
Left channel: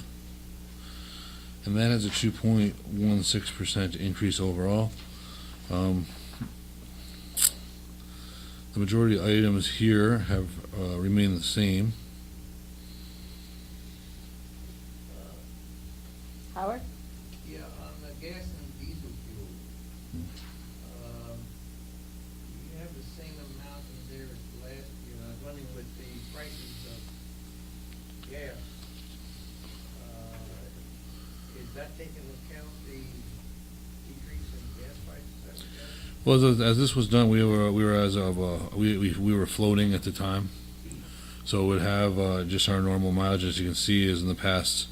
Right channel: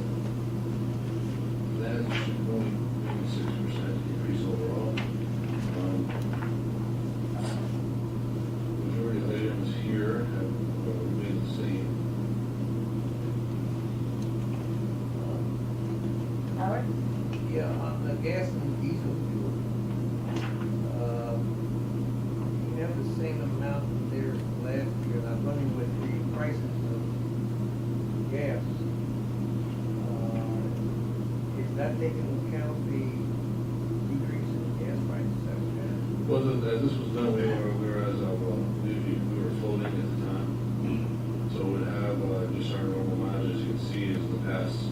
and that is a 2.16% increase overall. The majority of items here have remained the same. Howard? Yeah, on the gas and diesel fuel, you have the same amount as there last year, and I'm running with the prices of taken into account the decrease in gas prices? Well, as this was done, we were floating at the time. So it would have just our normal mileage, as you can see, is in the past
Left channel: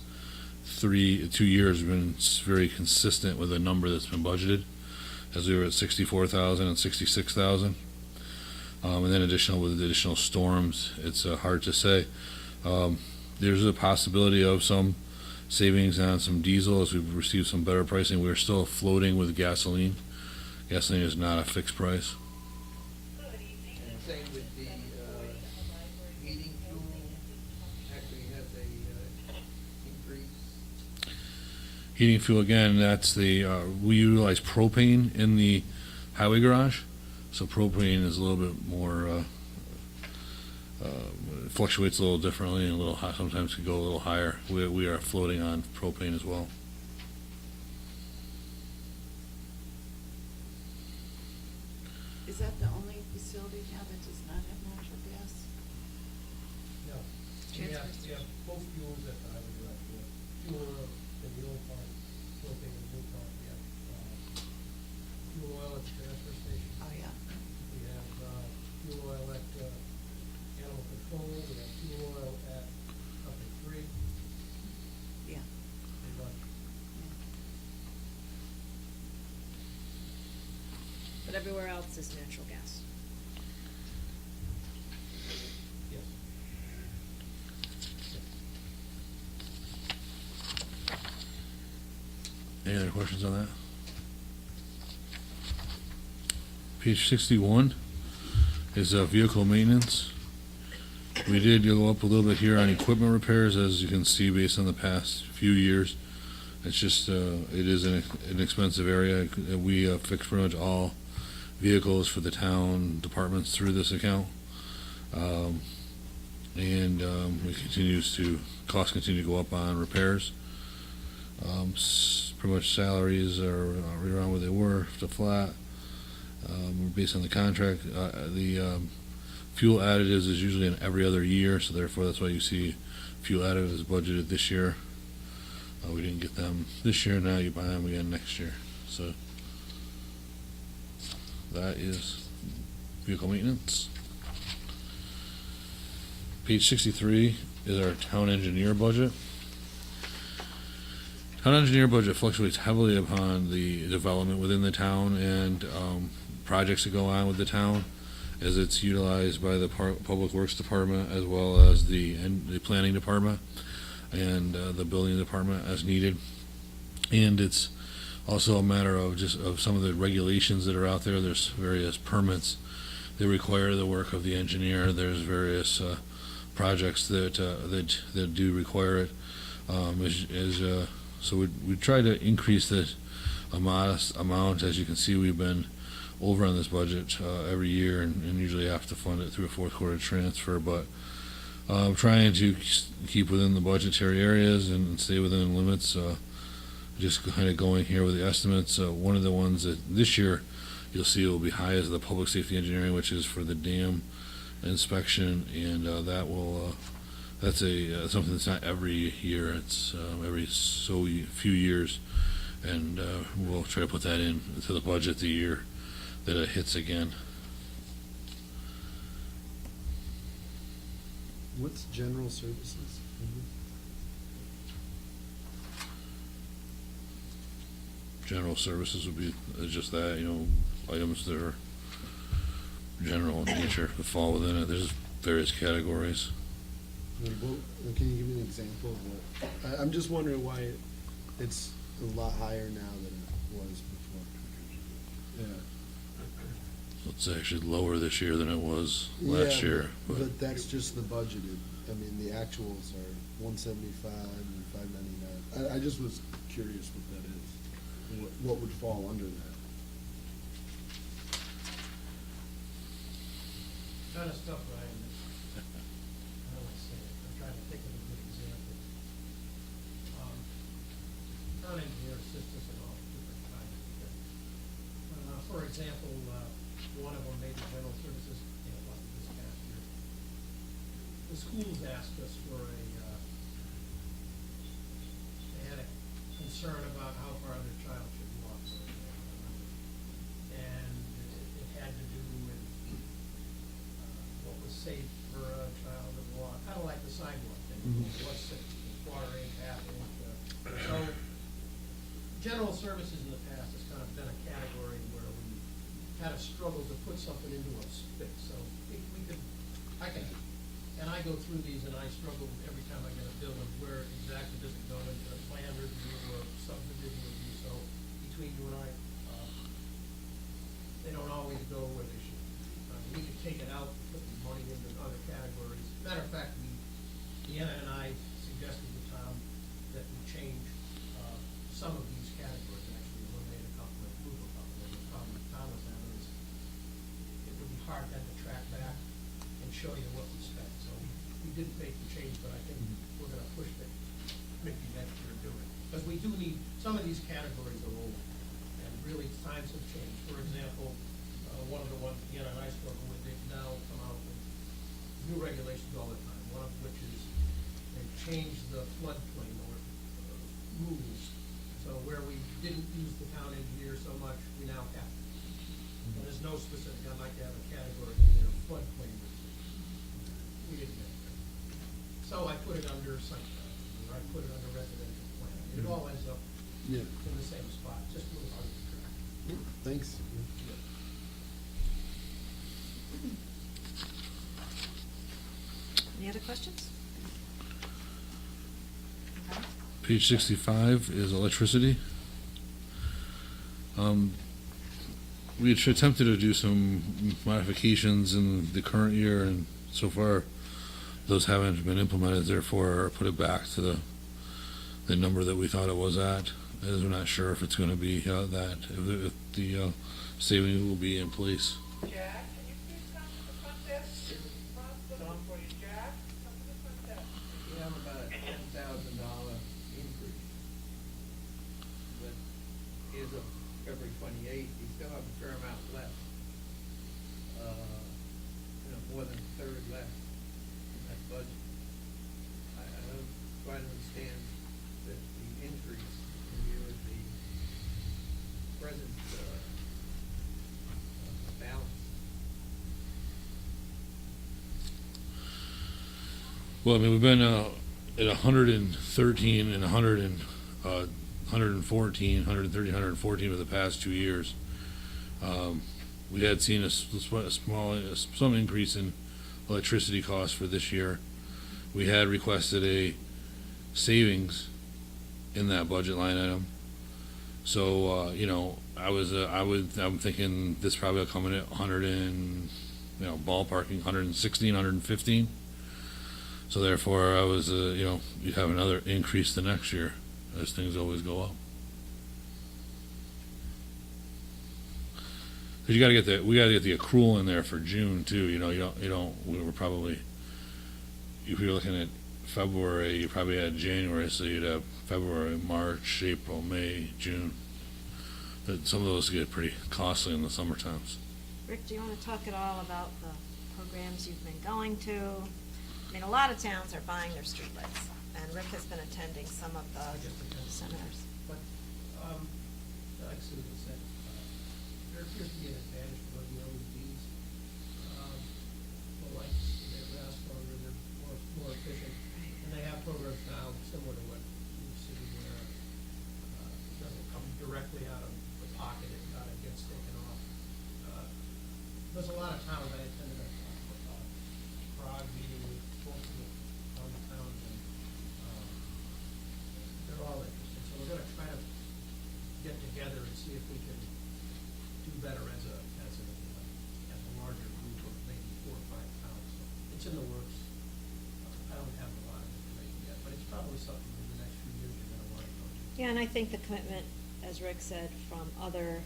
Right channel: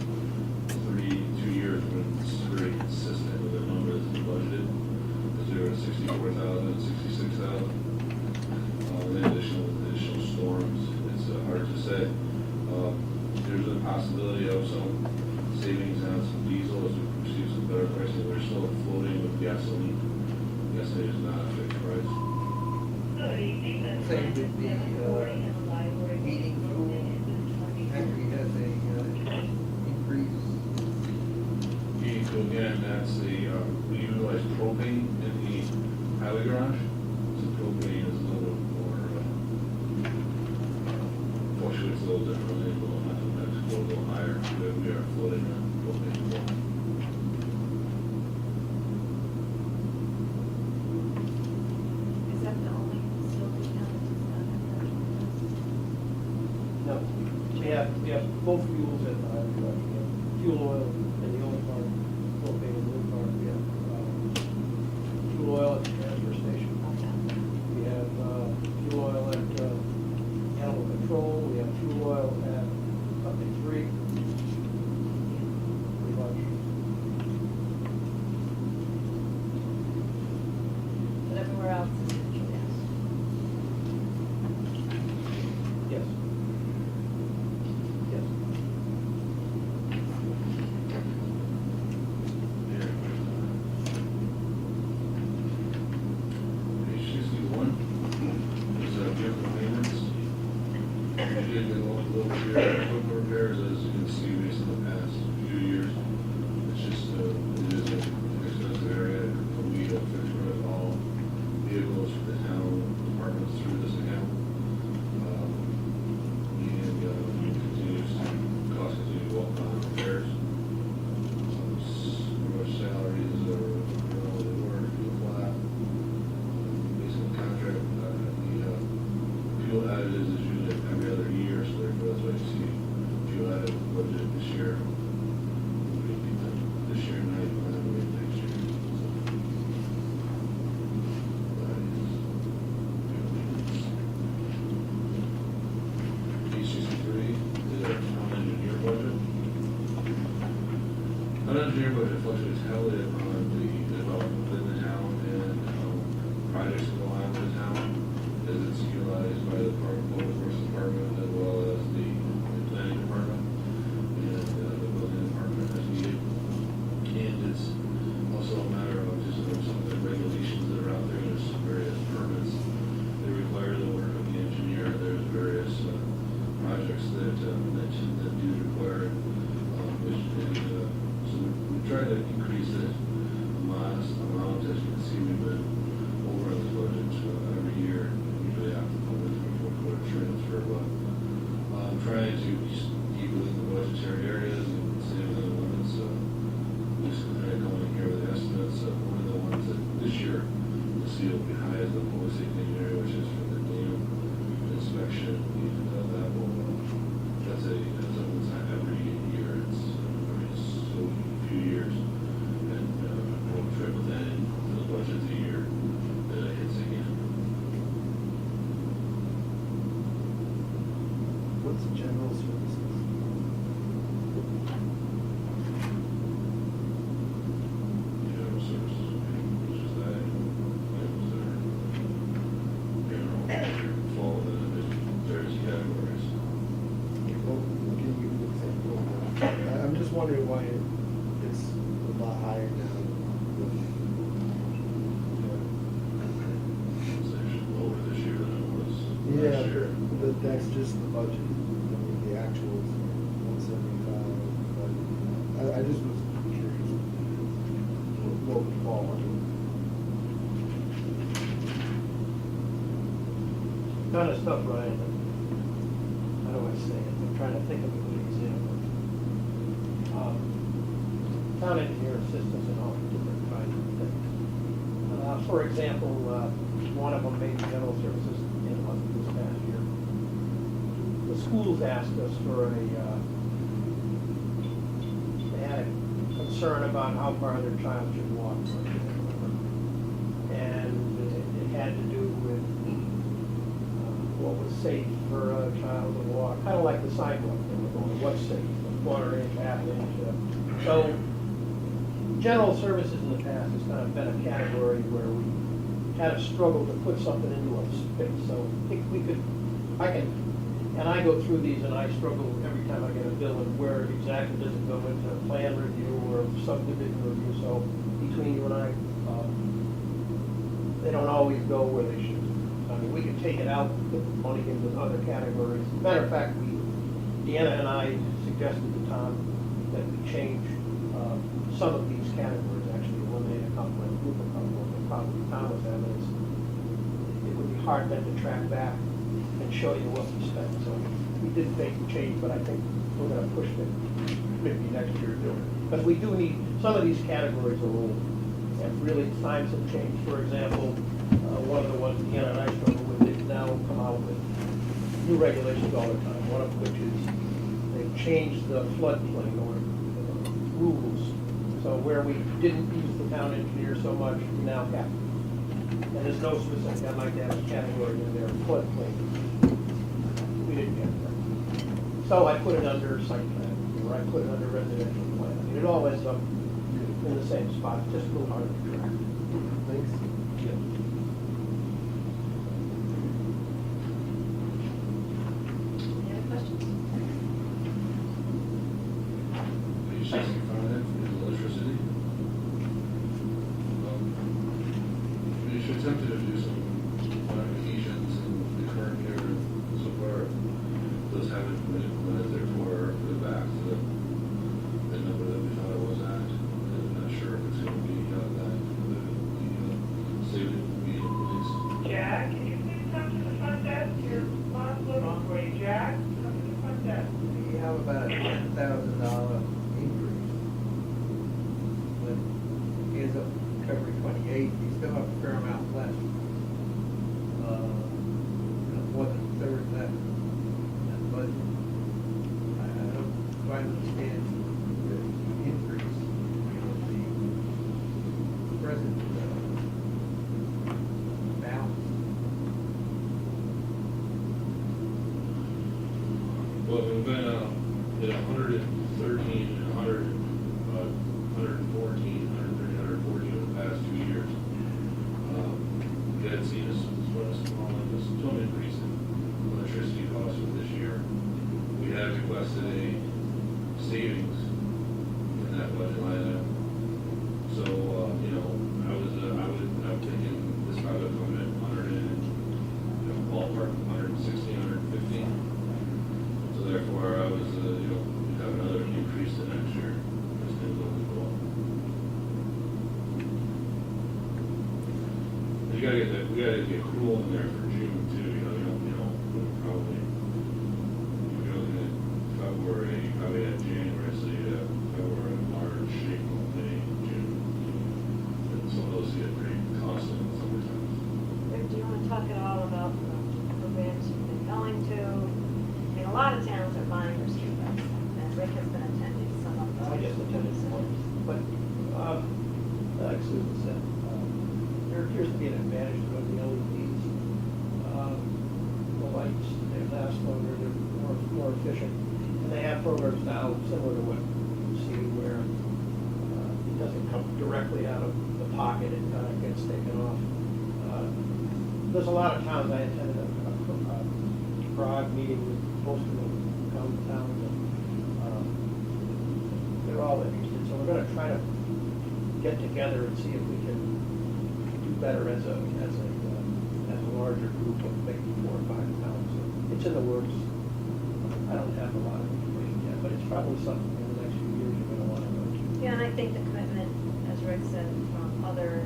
2 years been very consistent with the number that's been budgeted, as we were at 64,000 and 66,000. And then with additional storms, it's hard to say. There's a possibility of some savings on some diesel as we've received some better pricing. We're still floating with gasoline. Gasoline is not a fixed price. Saying that the heating fuel actually has a increase. Heating fuel, again, that's we utilize propane in the highway garage. So propane is a little bit more, fluctuates a little differently and a little high, sometimes can go a little higher. We are floating on propane as well. Is that the only facility now that does not have natural gas? No, you have both fuels at the highway garage. You have fuel oil in the old part, propane in the new part. We have fuel oil at the transfer station. We have fuel oil at animal control. We have fuel oil at up to 3. Pretty much. But everywhere else is natural gas. Yes. Yes. Any other questions on that? Page 61 is vehicle maintenance. We did go up a little bit here on equipment repairs, as you can see, based on the past few years. It's just, it is an expensive area. We fix pretty much all vehicles for the town departments through this account. Costs continue to go up on repairs. Pretty much salaries are around where they were, still flat. Based on the contract, the fuel additives is usually in every other year, so therefore that's why you see fuel additives budgeted this year. We didn't get them this year, now you buy them again next year. So that is vehicle maintenance. Page 63 is our town engineer budget. Town engineer budget fluctuates heavily upon the development within the town and projects that go on with the town, as it's utilized by the Public Works Department as well as the Planning Department and the Building Department as needed. And it's also a matter of just of some of the regulations that are out there. There's various permits that require the work of the engineer. There's various projects that do require it. So we try to increase this a modest amount. As you can see, we've been over on this budget every year and usually have to fund it through a fourth quarter transfer, but trying to keep within the budgetary areas and stay within limits. Just kind of going here with the estimates. One of the ones that this year you'll see will be high is the public safety engineering, which is for the dam inspection, and that's something that's not every year. It's every so few years, and we'll try to put that into the budget the year that it hits again. What's general services? General services would be just that, items that are general nature would fall within it. There's various categories. Well, can you give me an example of that? I'm just wondering why it's a lot higher now than it was. It's actually lower this year than it was last Yeah, year. but that's just the budget. I mean, the actuals are 175. I just was curious what would fall under that. Kind of stuff, Ryan. How do I say it? I'm trying to think of a good example. Town engineer assistants and all different kinds of things. For example, one of them made general services in this past year. The schools asked us for they had a concern about how far their child should walk. And it had to do with what was safe for a child to walk, kind of like the sidewalk thing, what's safe, quarter inch, half inch. So general services in the past has kind of been a category where we kind of struggled to put something into a space. So I think and I go through these and I struggle every time I get a bill and where exactly does it go into plan review or subdivision review. So between you and I, they don't always go where they should. I mean, we could take it out, put the money into other categories. Matter of fact, Deanna and I suggested to Tom that we change some of these categories, actually eliminate a couple and group a couple. The problem Tom was having is it would be hard then to track back and show you what we spent. So we did make the change, but I think we're going to push it maybe next year to do it. Because we do need, some of these categories are old, and really times have changed. For example, one of the ones Deanna and I struggle with, they've now come out with new regulations all the time, one of which is they've changed the floodplain or rules. So where we didn't use the town engineer so much, we now have. And there's no specific, I'd like to have a category in there, floodplain. We didn't get that. So I put it under site plan, or I put it under residential plan. I mean, it all ends up in the same spot, just a little hard to track. Thanks. Any other questions? Page 65 is electricity. We had attempted to do some modifications in the current year, and so far those haven't been implemented, therefore put it back to the number that we thought it was at. And I'm not sure if it's going to be that, if the savings will be in place. Jack, can you please come to the front desk? Your mom's looking for you, Jack. Come to the front desk. We have about a $10,000 increase. But he ends up covering 28, he still have a fair amount left. More than a third left in that budget. I don't quite understand the increase of the present balance. Well, I mean, we've been at 113 and 114, 114 for the past 2 years. We had seen some increase in electricity costs for this year. We had requested a savings in that budget line item. So, you know, I'm thinking this probably will come in at 100 and, you know, ballpark 116, 115. So therefore, I was, you know, you'd have another increase the next year, as things always go up. Because we gotta get the accrual in there for June too. You know, we were probably, if you're looking at February, you probably had January, so you'd have February, March, April, May, June. But some of those get pretty costly in the summer times. Rick, do you want to talk at all about the programs you've been going to? And a lot of towns are buying their streetlights, and Rick has been attending some of the. I just attended centers. But, like Susan said, there appears to be an advantage to the LEDs. The lights, they last longer, they're more efficient. And they have programs now similar to what you see where it doesn't come directly out of the pocket, it kind of gets taken off. There's a lot of towns, I attended a Prague meeting with most of them come to town. They're all interested, so we're gonna try to get together and see if we can do better as a larger group of maybe 4 or 5 towns. It's in the works. I don't have a lot of information yet, but it's probably something in the next few years we're gonna want to go to. Yeah, and I think the commitment, as Rick said, from other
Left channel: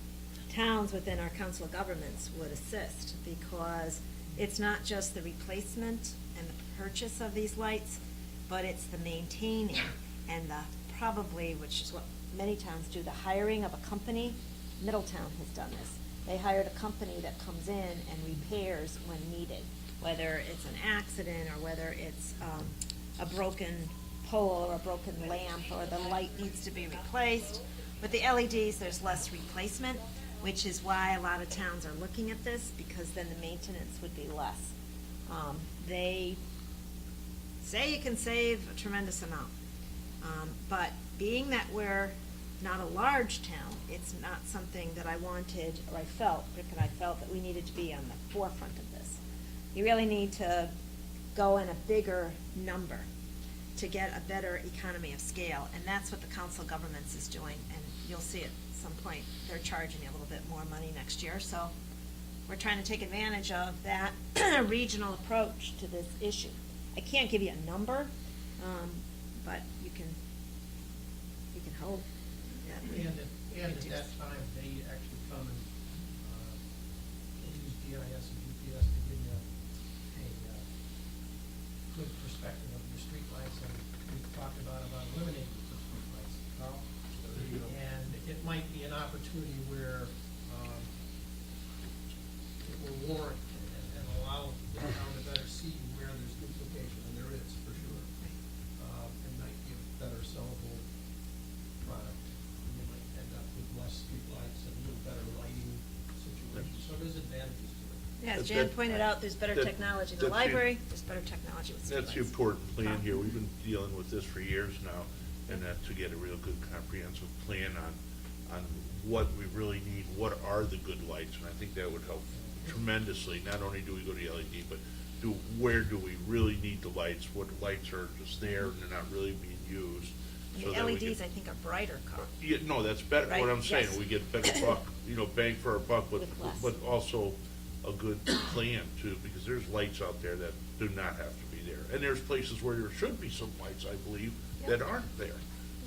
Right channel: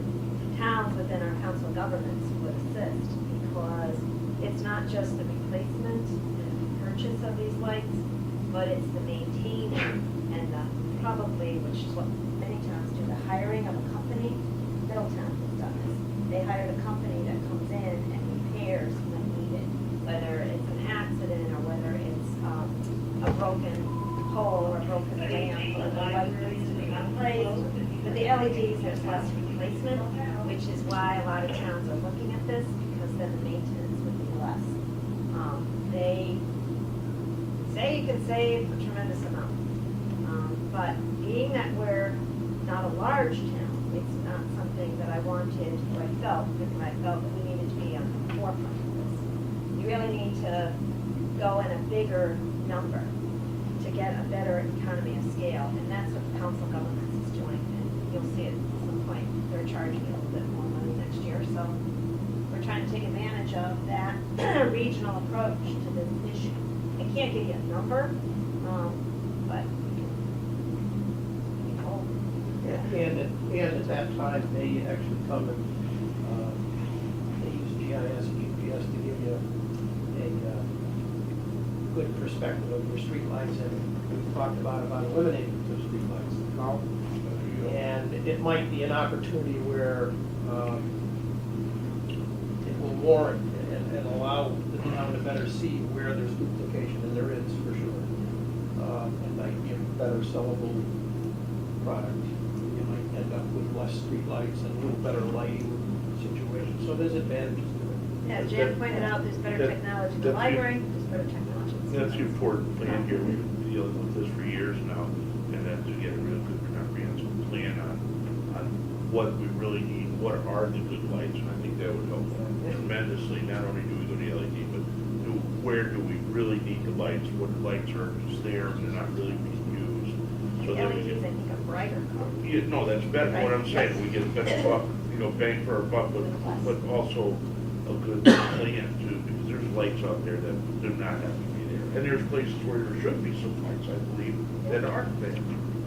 towns within our council of governments would assist, because it's not just the replacement and the purchase of these lights, but it's the maintaining and the probably, which is what many towns do, the hiring of a company. Middletown has done this. They hire the company that comes in and repairs when needed, whether it's an accident or whether it's a broken pole or broken lamp or the light needs to be replaced. With the LEDs, there's less replacement, which is why a lot of towns are looking at this, because then the maintenance would be less. They say you can save a tremendous amount. But being that we're not a large town, it's not something that I wanted, or I felt that we needed to be on the forefront of this. You really need to go in a bigger number to get a better economy of scale, and that's what the Council of Governments is doing, and you'll see it at some point. They're charging a little bit more money next year, so we're trying to take advantage of that regional approach to this issue. I can't give you a number, but you can, hope. And at that time, they actually come and, they use GIS, GPS to give you a good perspective of your streetlights, and we've talked about eliminating the streetlights. Carl? And it might be an opportunity where it will warrant and allow the town to better see where there's duplication, and there is, for sure. And might be a better sellable product. You might end up with less streetlights and a little better lighting situation, so there's advantages to it. Yeah, as Jan pointed out, there's better technology in the library, there's better technology in the That's schools. important, Dan, here, we've been dealing with this for years now, and then to get a real good comprehensive plan on what we really need, what are the good lights, and I think that would help tremendously. Not only do we go to LED, but where do we really need the lights, what lights are just there, they're not really being used. The So that we LEDs, I can- think, are brighter color. Yeah, no, that's better, what I'm saying, we get a better buck, bang for our buck, but also a good plan too, because there's lights out there that do not have to be there. And there's places where there should be some lights, I believe, that aren't there.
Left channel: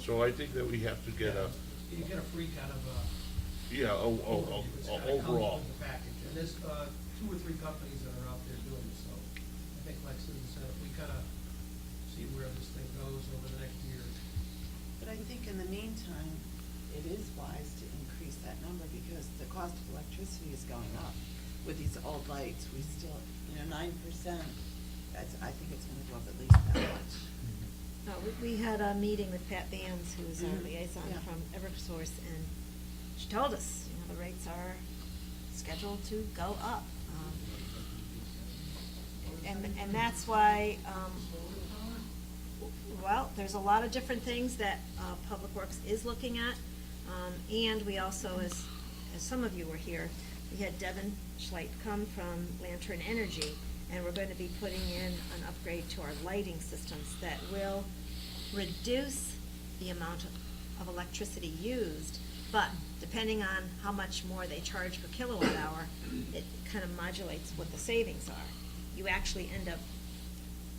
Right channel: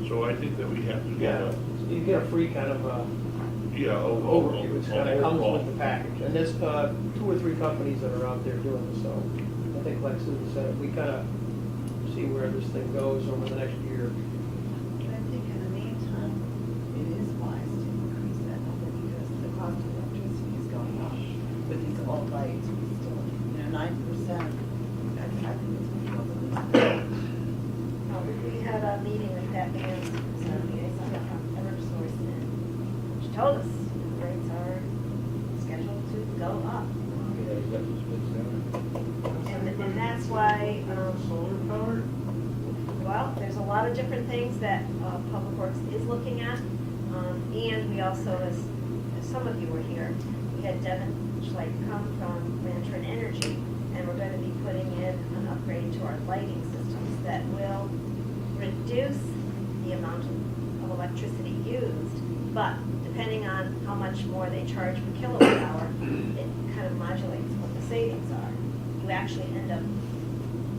So I think that we have to get a, You get a free kind of, overview, it's kind of comes with the package. And there's 2 or 3 companies that are out there doing this, so I think like Susan said, we kind of see where this thing goes over the next year. I think in the meantime, it is wise to increase that number because the cost of electricity is going up. With these old lights, we still, 9%, that's, I think it's going to go at least that. We had a meeting with Pat Vance, who's our liaison from Eversource, and she told us the rates are scheduled to go up. And that's why, well, there's a lot of different things that Public Works is looking at. And we also, as some of you were here, we had Devin Schleich come from Lantern Energy, and we're going to be putting in an upgrade to our lighting systems that will reduce the amount of electricity used, but depending on how much more they charge per kilowatt hour, it kind of modulates what the savings are. You actually end up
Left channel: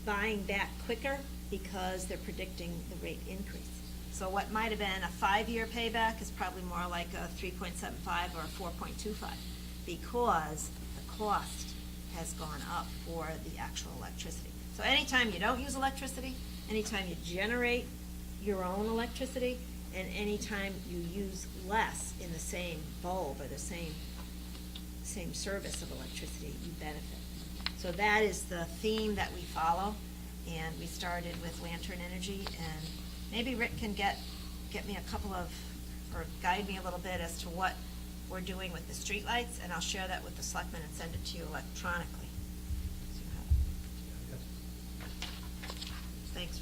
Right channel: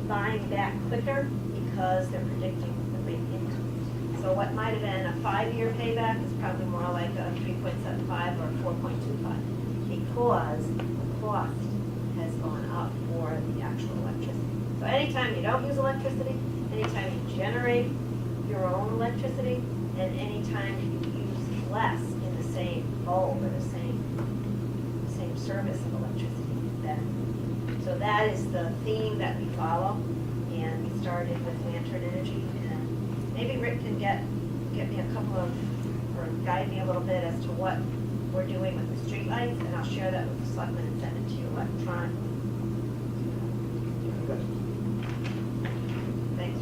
buying back quicker because they're predicting the rate increase. So what might have been a 5-year payback is probably more like a 3.75 or 4.25 because the cost has gone up for the actual electricity. So anytime you don't use electricity, anytime you generate your own electricity, and anytime you use less in the same bulb or the same service of electricity, then. So that is the theme that we follow, and we started with Lantern Energy, and maybe Rick can get me a couple of, or guide me a little bit as to what we're doing with the streetlights, and I'll share that with the selectmen and send it to you electronically. Thanks.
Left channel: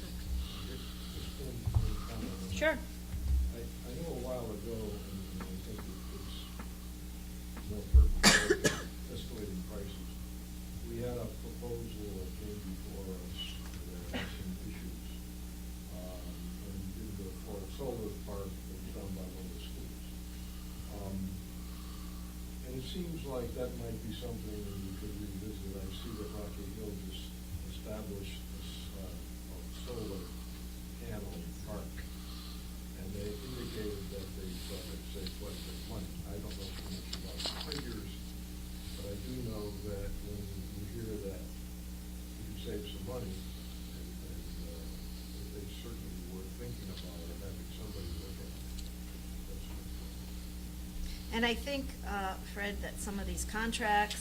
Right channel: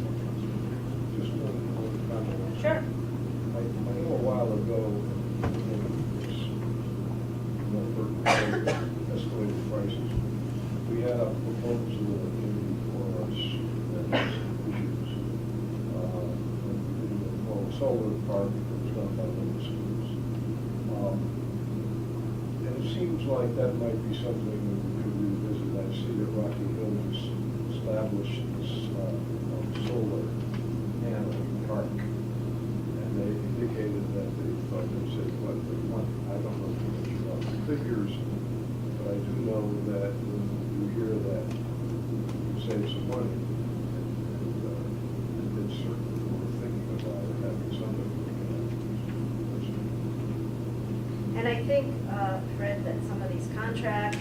Sure. I know a while ago, escalated prices, we had a proposal in for us that had some issues. For a solar park that was done by one of the schools. And it seems like that might be something that we could revisit. I see that Rocky Hill has established this solar panel park. And they indicated that they thought they would save quite a bit of money. I don't know too much about the figures, but I do know that when you hear that you save some money, and they certainly were thinking about it, having something looking at it. And I think, Fred, that some of these contracts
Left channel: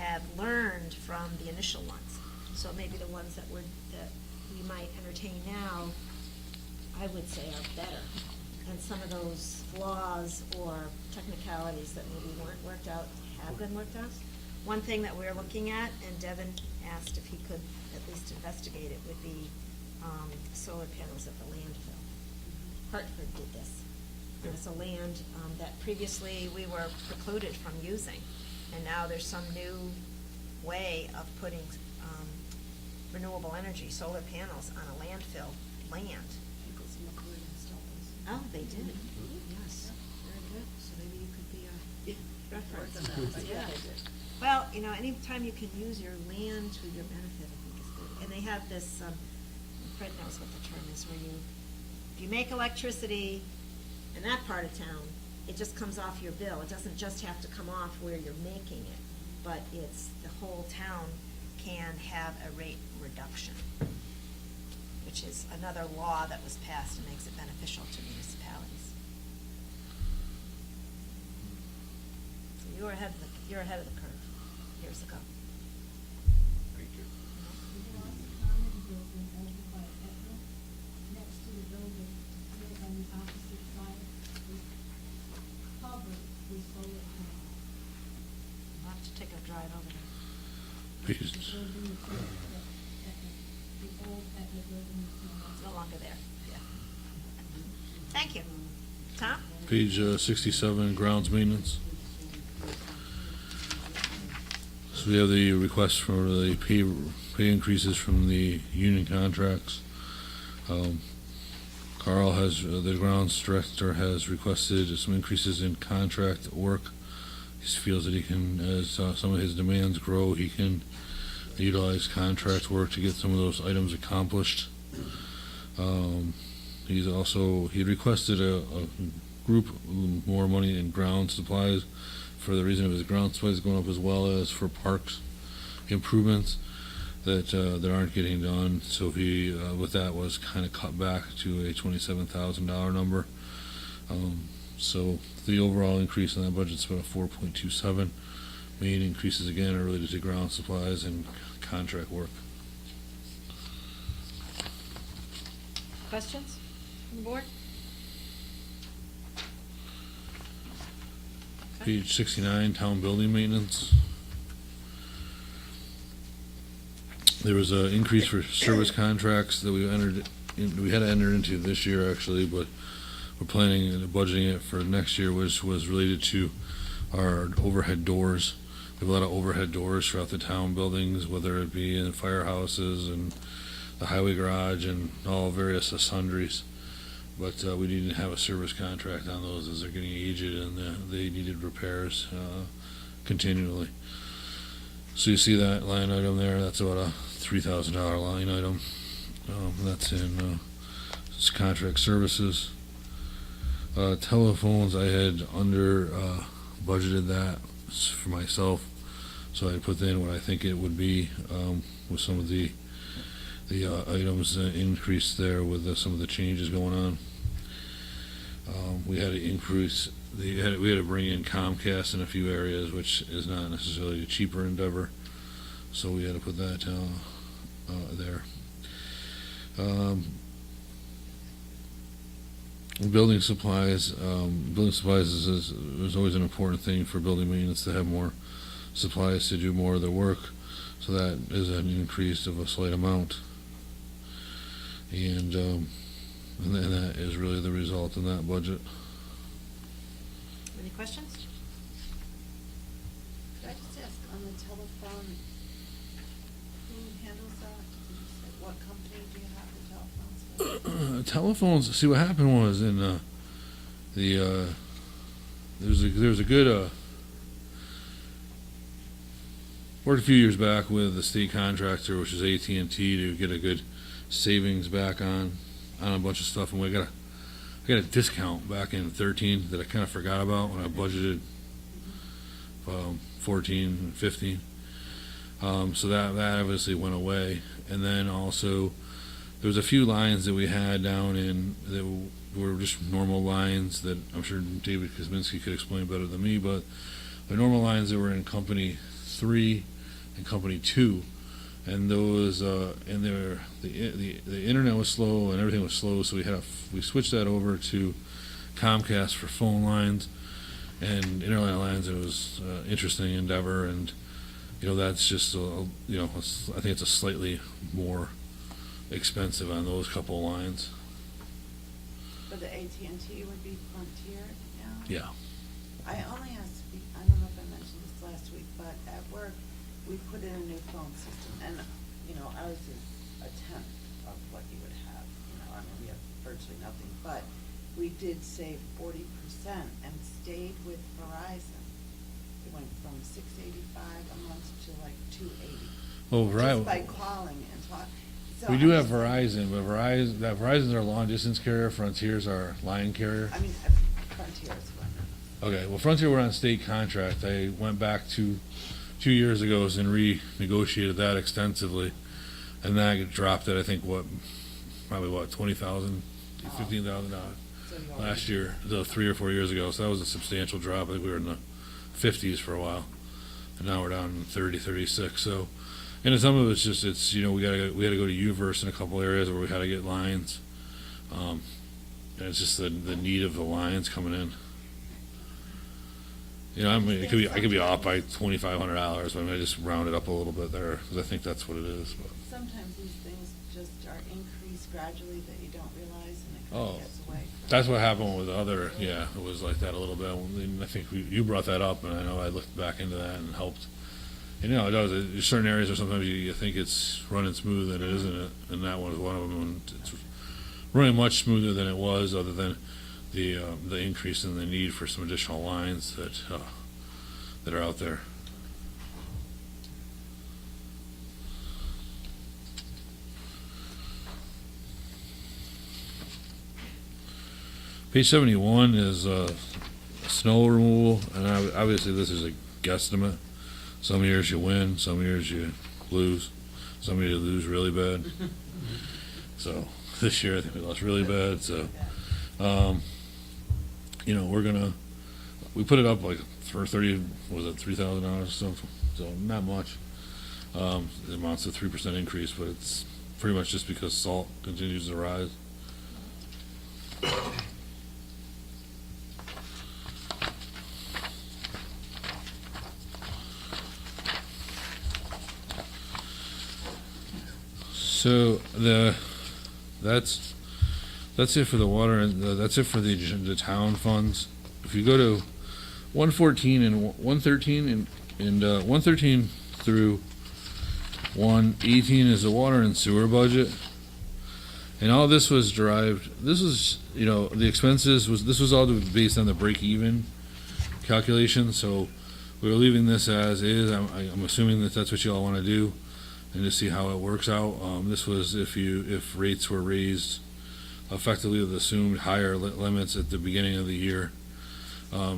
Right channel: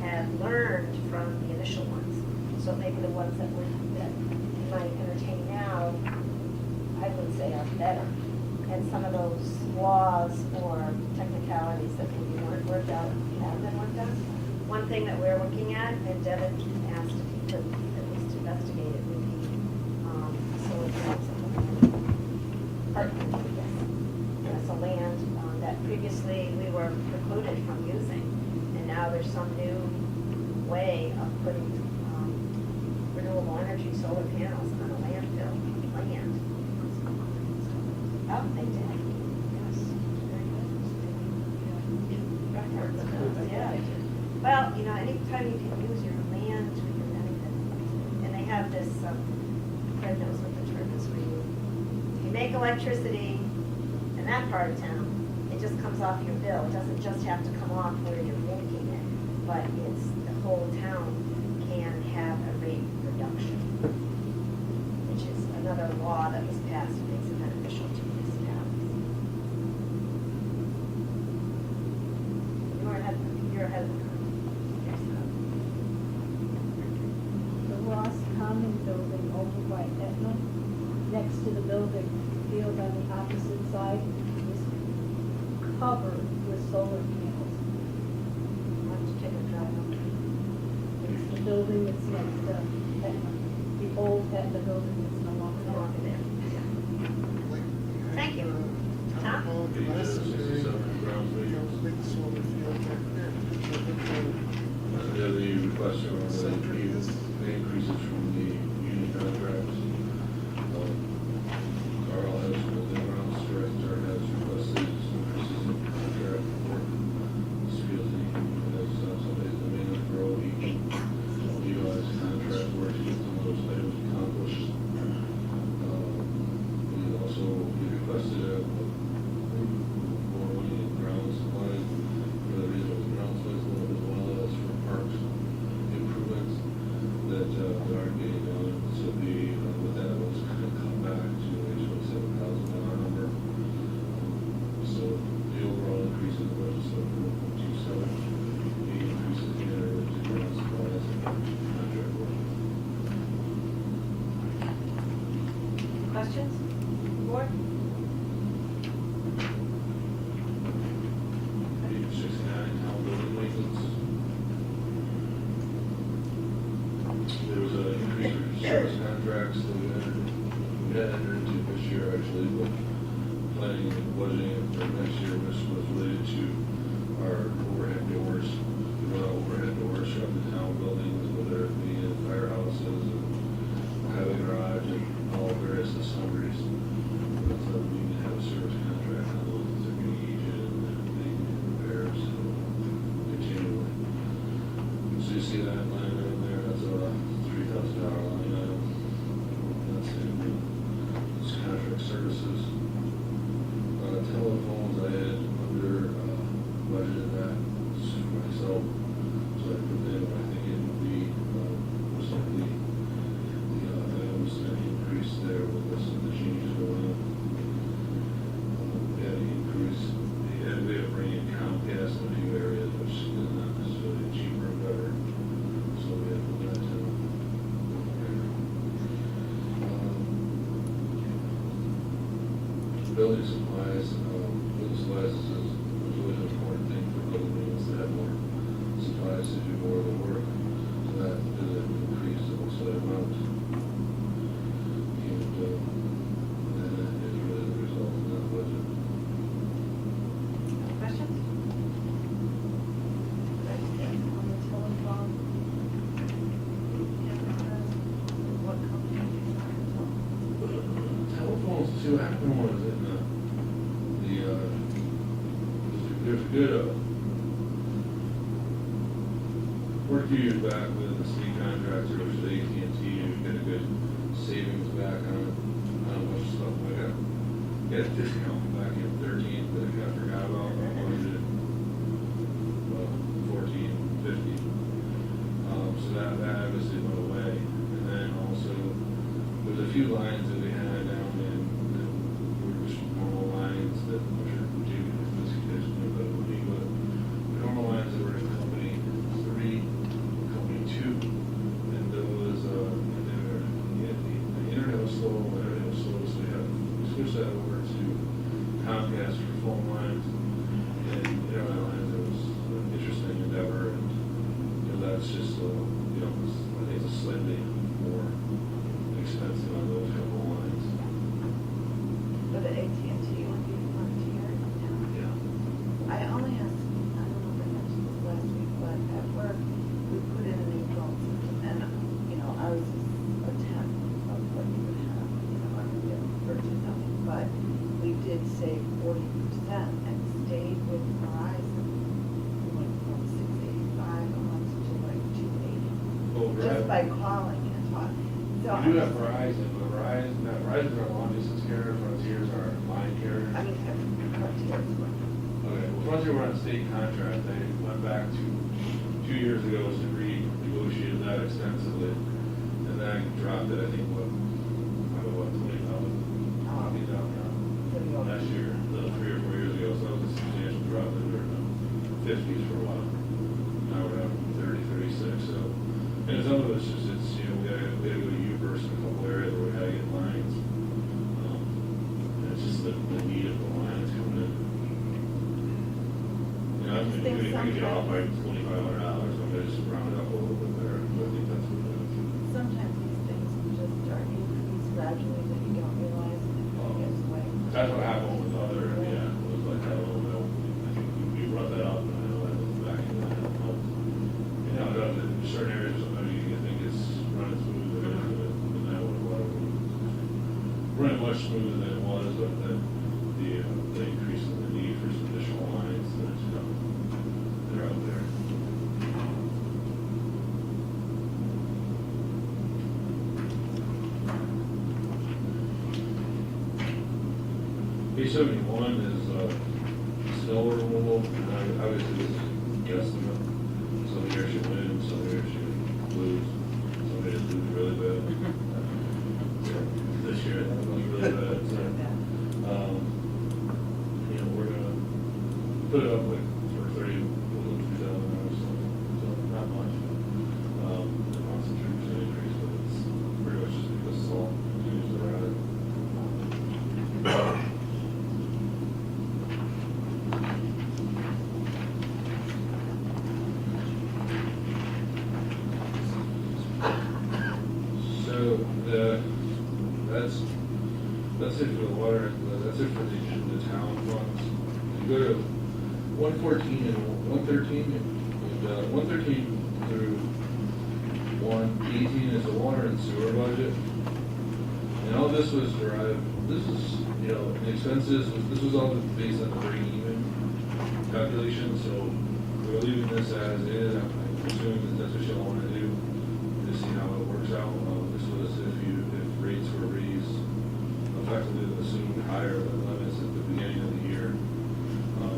have learned from the initial ones. So maybe the ones that you might entertain now some of those laws or technicalities that maybe weren't worked out, have been worked out. One thing that we're looking at, and Devin asked if he could at least investigate it, would be solar panels on the land. Yes. Yes, a land that previously we were precluded from using, and now there's some new way of putting renewable energy solar panels on a landfill land. Oh, they did. Yes. Very good. Records of those, yeah. Well, you know, anytime you can use your land to your benefit, and they have this, Fred knows what the term is for you. If you make electricity in that part of town, it just comes off your bill. It doesn't just have to come off where you're making it, but it's the whole town can have a rate reduction, which is another law that was passed and makes it beneficial to municipalities. You're ahead of the curve. Yes, The Ross Common building over by Etna, next to the building, field on the opposite side, was covered with solar panels. I'll have to take a drive up there. The building that's next to Etna, the old Etna building that's no longer there. Thank you. Tom? Page 67, grounds maintenance. So we have the request for the pay increases from the union contracts. Carl has, the grounds director has requested some increases in contract work. He feels that he can, as some of his demands grow, he can utilize contract work to get some of those items accomplished. He requested a group more money in ground supplies for the reason it was the ground supplies going up, as well as for parks improvements that aren't getting done. So he, with that, was kind of cut back to a $27,000 number. So the overall increase in that budget is about 4.27. Main increases again are related to ground supplies and contract work. Questions? Board? Page 69, town building maintenance. There was an increase for service contracts that we had to enter into this year actually, but we're planning and budgeting it for next year, which was related to our overhead doors. We have a lot of overhead doors throughout the town buildings, whether it be in firehouses and the highway garage and all various sundries. But we need to have a service contract on those as they're getting aged and they needed repairs continually. So you see that line item there, that's about a $3,000 line item. That's in it's contract services. Telephones, I had under budgeted that for myself, so I put that in what I think it would be with some of the items that increased there with some of the changes going on. We had to increase. We had to bring in Comcast in a few areas, which is not necessarily a cheaper endeavor. So we had to put that there. Building supplies. Building supplies is always an important thing for building maintenance to have more supplies to do more of the work. So that is an increase of a slight amount. And that is really the result in that budget. Questions? Telephones. See, what happened was in there was a good worked a few years back with the state contractor, which is AT&T, to get a good savings back on a bunch of stuff, and we got a discount back in 2013 that I kind of forgot about when I budgeted 14, 15. So that obviously went away, and then also there was a few lines that we had down in that were just normal lines that I'm sure David Kosminski could explain better than me, but the normal lines that were in Company 3 and Company 2, and those and the internet was slow and everything was slow, so we switched that over to Comcast for phone lines and internet lines. It was an interesting endeavor, and that's just I think it's a slightly more expensive on those couple of lines. For the AT&T would be Frontier, Yeah. I only asked, I don't know if I mentioned this last week, but at work, we put in a new phone system, and, I was a tenth of what you would have, I could get virtually nothing, but we did save 40% and stayed with Verizon. We went from $685 a month to like $280. Well, Just by calling and talking. So We do I have was- Verizon, but Verizon's our long distance carrier. Frontier's our line carrier. I mean, Frontier's. Okay, well, Frontier were on state contract. They went back to 2 years ago and renegotiated that extensively, and that dropped it. I think probably $20,000, $15,000 last year, 3 or 4 years ago. So that was a substantial drop. Like we were in the 50s for a while. And now we're down in 30, 36. So, and some of it's just we had to go to UVerse in a couple areas where we had to get lines. And it's just the need of the lines coming in. I mean, I could be off by $2,500, but I just round it up a little bit there. I think that's what it is. Sometimes these things just are increased gradually that you don't realize, and Oh, it goes away. that's what happened with the other. Yeah, it was like that a little bit. I think you brought that up, and I know I looked back into that and it helped. It does. There's certain areas where sometimes you think it's running smooth, and it isn't. And that was one of them. It's running much smoother than it was, other than the increase in the need for some additional lines that are out there. Page 71 is snow removal, and obviously this is a guesstimate. Some years you win, some years you lose, some years you lose really bad. So this year I think it was really bad. So we put it up like for $3,000 or something. So not much. It amounts to 3% increase, but it's pretty much just because salt continues to rise. So that's it for the water, and that's it for the town funds. If you go to 114 and 113 and 113 through 118 is the water and sewer budget, and all this was derived. This was the expenses this was all based on the break-even calculation. So we were leaving this as is. I'm assuming that's what you all want to do, and to see how it works out. This was if rates were raised effectively with assumed higher limits at the beginning of the year.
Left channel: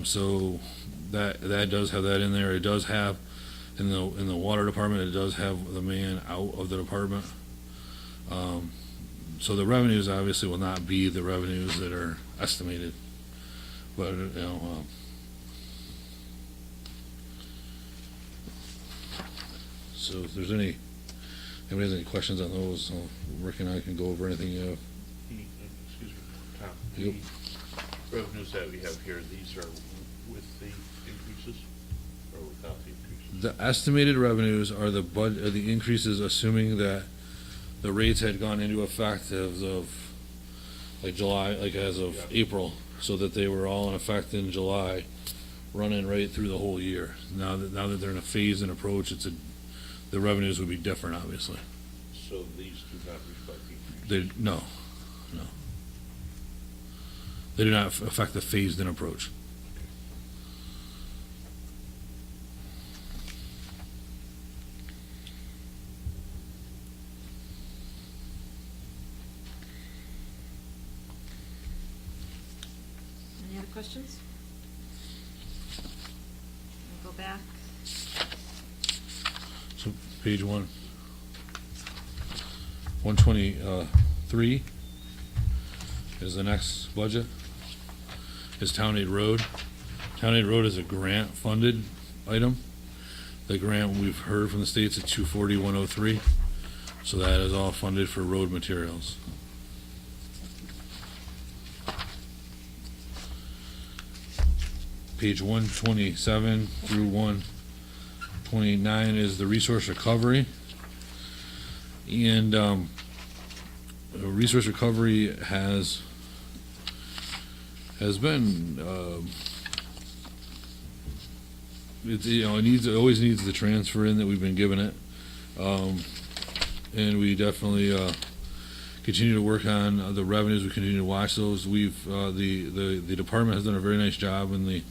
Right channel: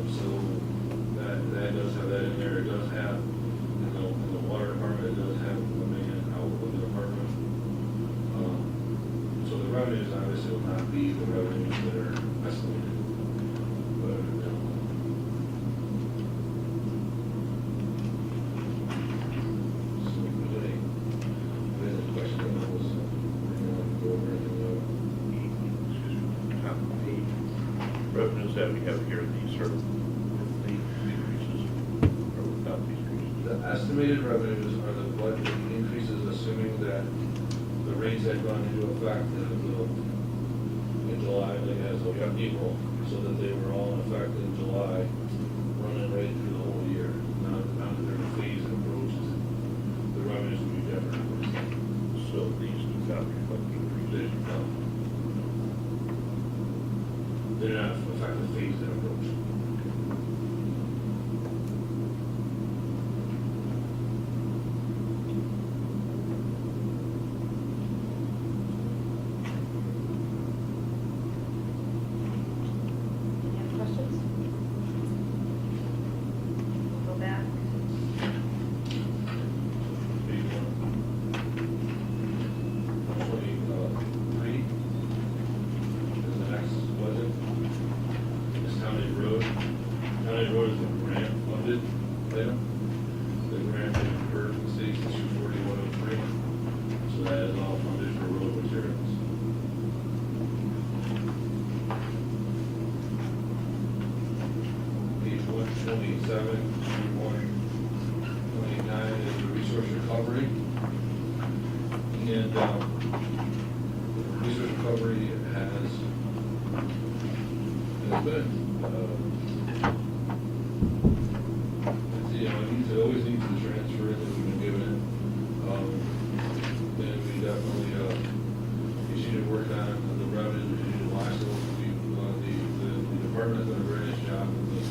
So that does have that in there. It does have in the water department. It does have the man out of the department. So the revenues obviously will not be the revenues that are estimated, but so if there's anybody has any questions on those, Rick and I can go over anything you have. Revenues that we have here, these are with the increases or without the increases? The estimated revenues are the increases, assuming that the rates had gone into effect as of July, as of April, so that they were all in effect in July, running right through the whole year. Now that they're in a phase and approach, the revenues would be different, obviously. So these do not reflect the increase? No. They do not affect the phased-in approach. Any other questions? Go back. So, page 123 is the next budget. Is Town Aid Road. Town Aid Road is a grant-funded item. The grant we've heard from the state's at $240,103, so that is all funded for road materials. Page 127 through 129 is the resource recovery. And resource recovery has been, it always needs the transfer in that we've been given it. And we definitely continue to work on the revenues. We continue to watch those. The department has done a very nice job in the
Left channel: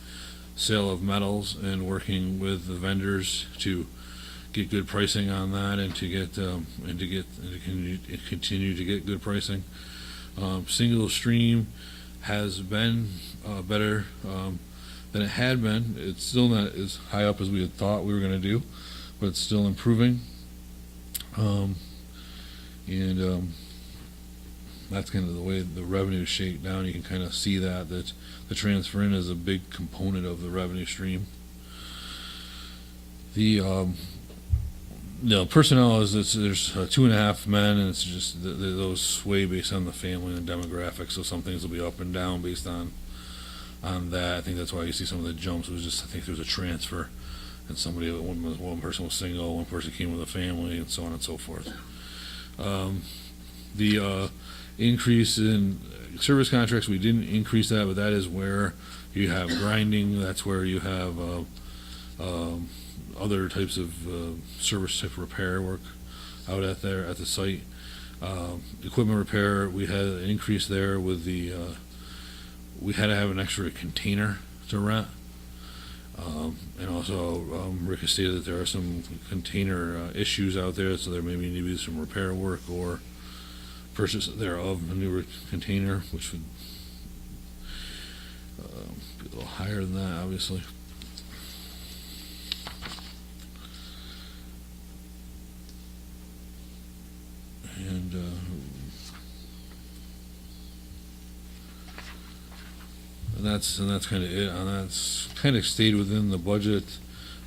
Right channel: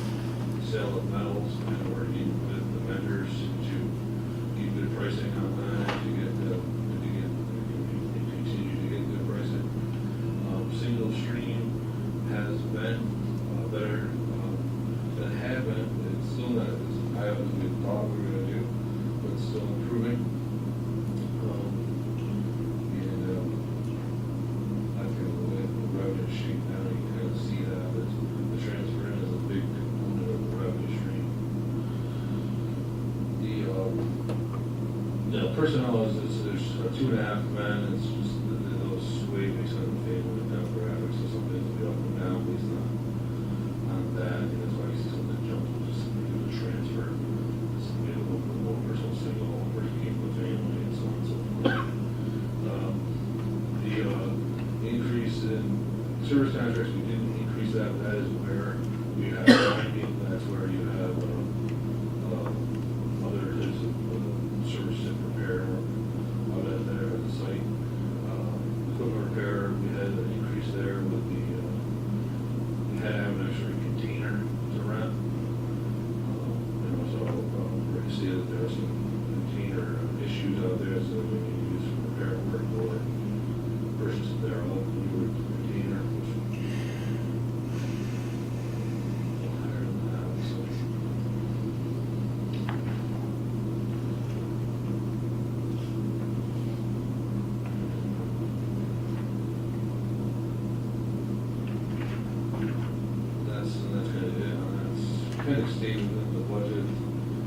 sale of metals and working with the vendors to get good pricing on that and to continue to get good pricing. Single stream has been better than it had been. It's still not as high up as we had thought we were going to do, but it's still improving. That's kind of the way the revenue is shaped down. You can kind of see that the transfer in is a big component of the revenue stream. The personnel is there's 2.5 men, and it's just those sway based on the family and demographics. So some things will be up and down based on that. I think that's why you see some of the jumps. Was just I think there was a transfer, and one person was single, one person came with a family, and so on and so forth. The increase in service contracts, we didn't increase that, but that is where you have grinding. That's where you have other types of service repair work out at the site. Equipment repair, we had an increase there with we had to have an extra container to rent. And also Rick stated that there are some container issues out there, so there may need to be some repair work or purchase thereof, a newer container, which would be a little higher than that, obviously. And that's kind of it. And that's kind of stayed within the budget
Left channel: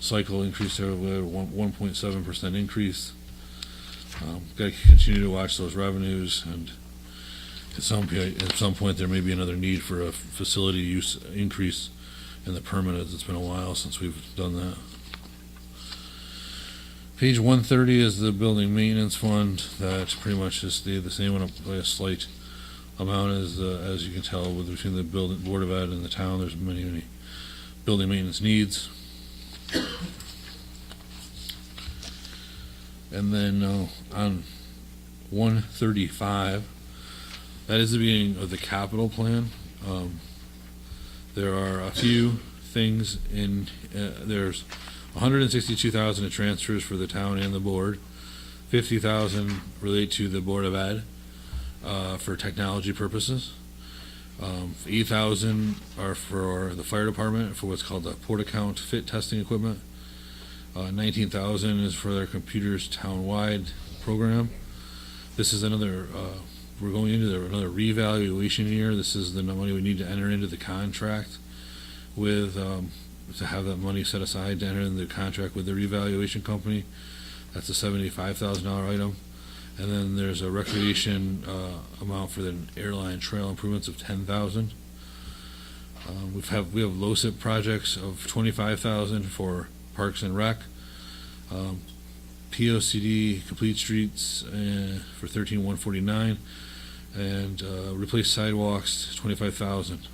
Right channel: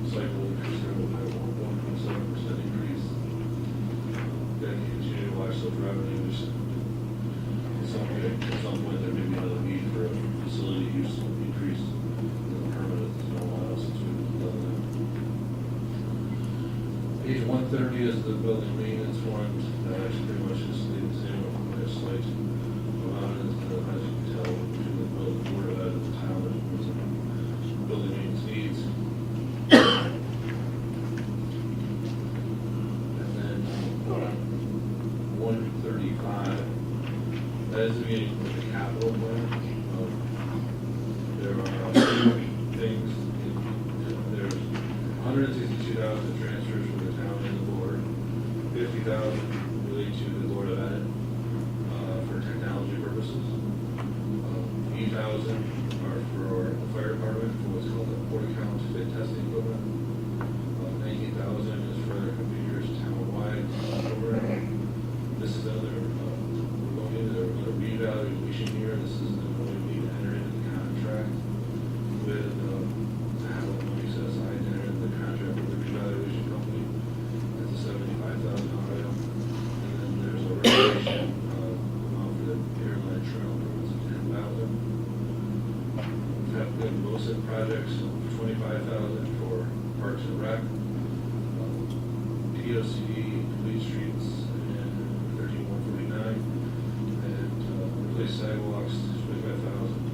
cycle increase. There we had a 1.7% increase. Got to continue to watch those revenues, and at some point there may be another need for a facility use increase in the permanent. It's been a while since we've done that. Page 130 is the building maintenance fund. That pretty much has stayed the same on a slight amount as you can tell between the Board of Ed and the town. There's many building maintenance needs. And then on 135, that is the beginning of the capital plan. There are a few things in there's 162,000 in transfers for the town and the board, 50,000 relate to the Board of Ed for technology purposes. 8,000 are for the fire department for what's called the port account fit testing equipment. 19,000 is for their computers town-wide program. This is another, we're going into another reevaluation year. This is the money we need to enter into the contract with, to have the money set aside to enter into the contract with the reevaluation company. That's a $75,000 item. And then there's a recreation amount for the airline trail improvements of $10,000. We have LoCIP projects of $25,000 for Parks and Rec. POCD complete streets for $13,149, and replace sidewalks $25,000.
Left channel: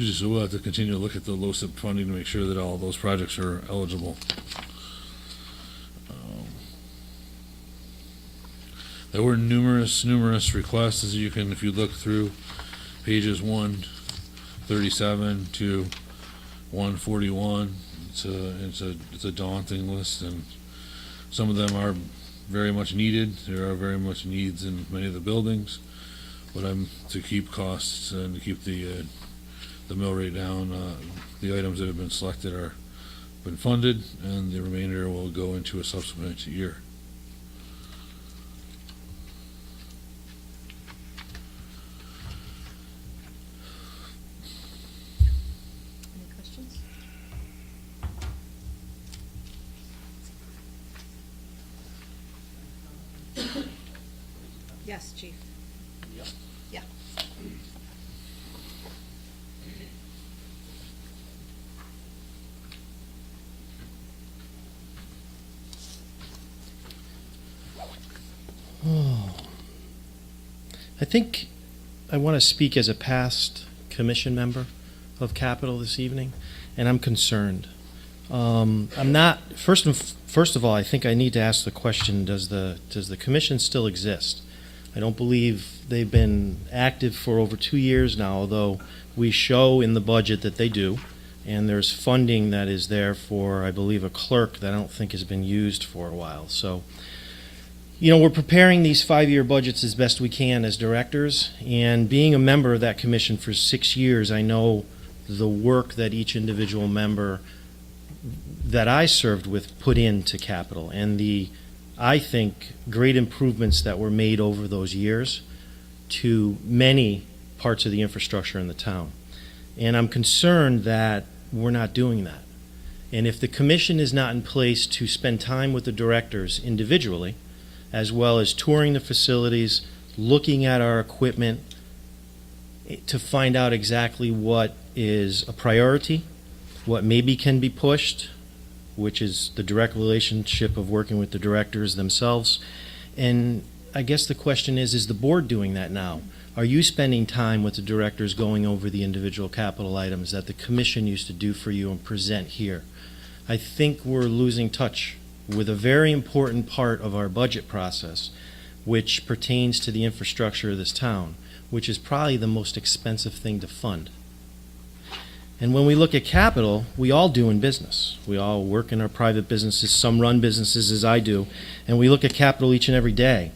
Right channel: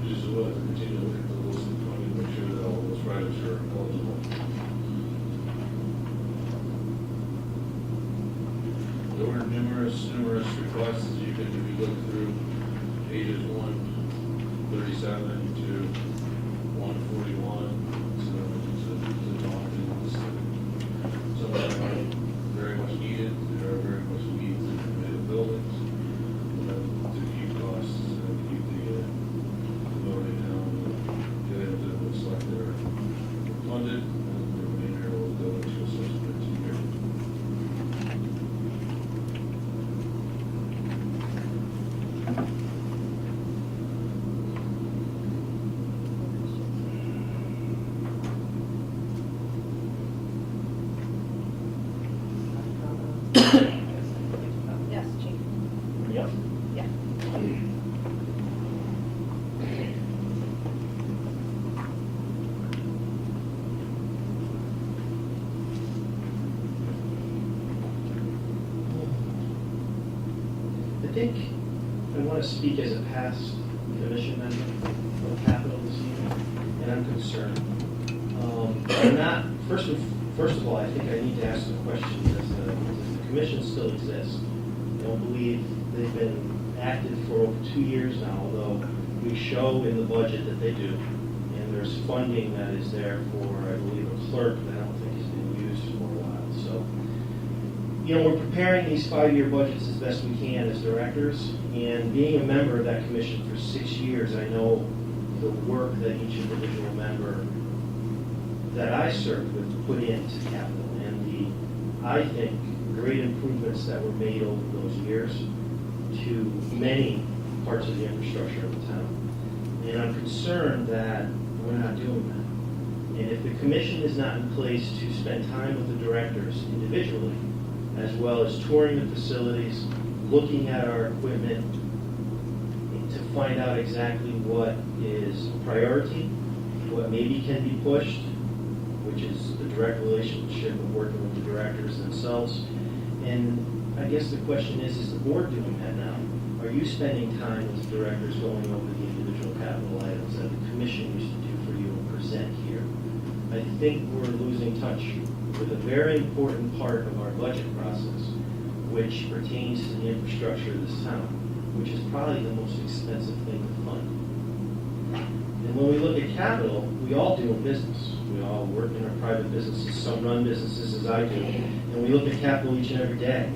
Just we'll have to continue to look at the LoCIP funding to make sure that all of those projects are eligible. There were numerous requests, as you can, if you look through pages 137 to 141. It's a daunting list, and some of them are very much needed. There are very much needs in many of the buildings, but to keep costs and keep the mill rate down, the items that have been selected are been funded, and the remainder will go into a subsequent year. Yes, Chief. think I want to speak as a past commission member of Capital this evening, and I'm concerned. I'm not, first of all, I think I need to ask the question, does the commission still exist? I don't believe they've been active for over 2 years now, although we show in the budget that they do. And there's funding that is there for, I believe, a clerk that I don't think has been used for a while. So, you know, we're preparing these 5-year budgets as best we can as directors. And being a member of that commission for 6 years, I know the work that each individual member that I served with put into Capital. And the, I think, great improvements that were made over those years to many parts of the infrastructure in the town. And I'm concerned that we're not doing that. And if the commission is not in place to spend time with the directors individually, as well as touring the facilities, looking at our equipment, to find out exactly what is a priority, what maybe can be pushed, which is the direct relationship of working with the directors themselves. And I guess the question is the board doing that now? Are you spending time with the directors going over the individual capital items that the commission used to do for you and present here? I think we're losing touch with a very important part of our budget process, which pertains to the infrastructure of this town, which is probably the most expensive thing to fund. And when we look at capital, we all do in business. We all work in our private businesses, some run businesses as I do, and we look at capital each and every day.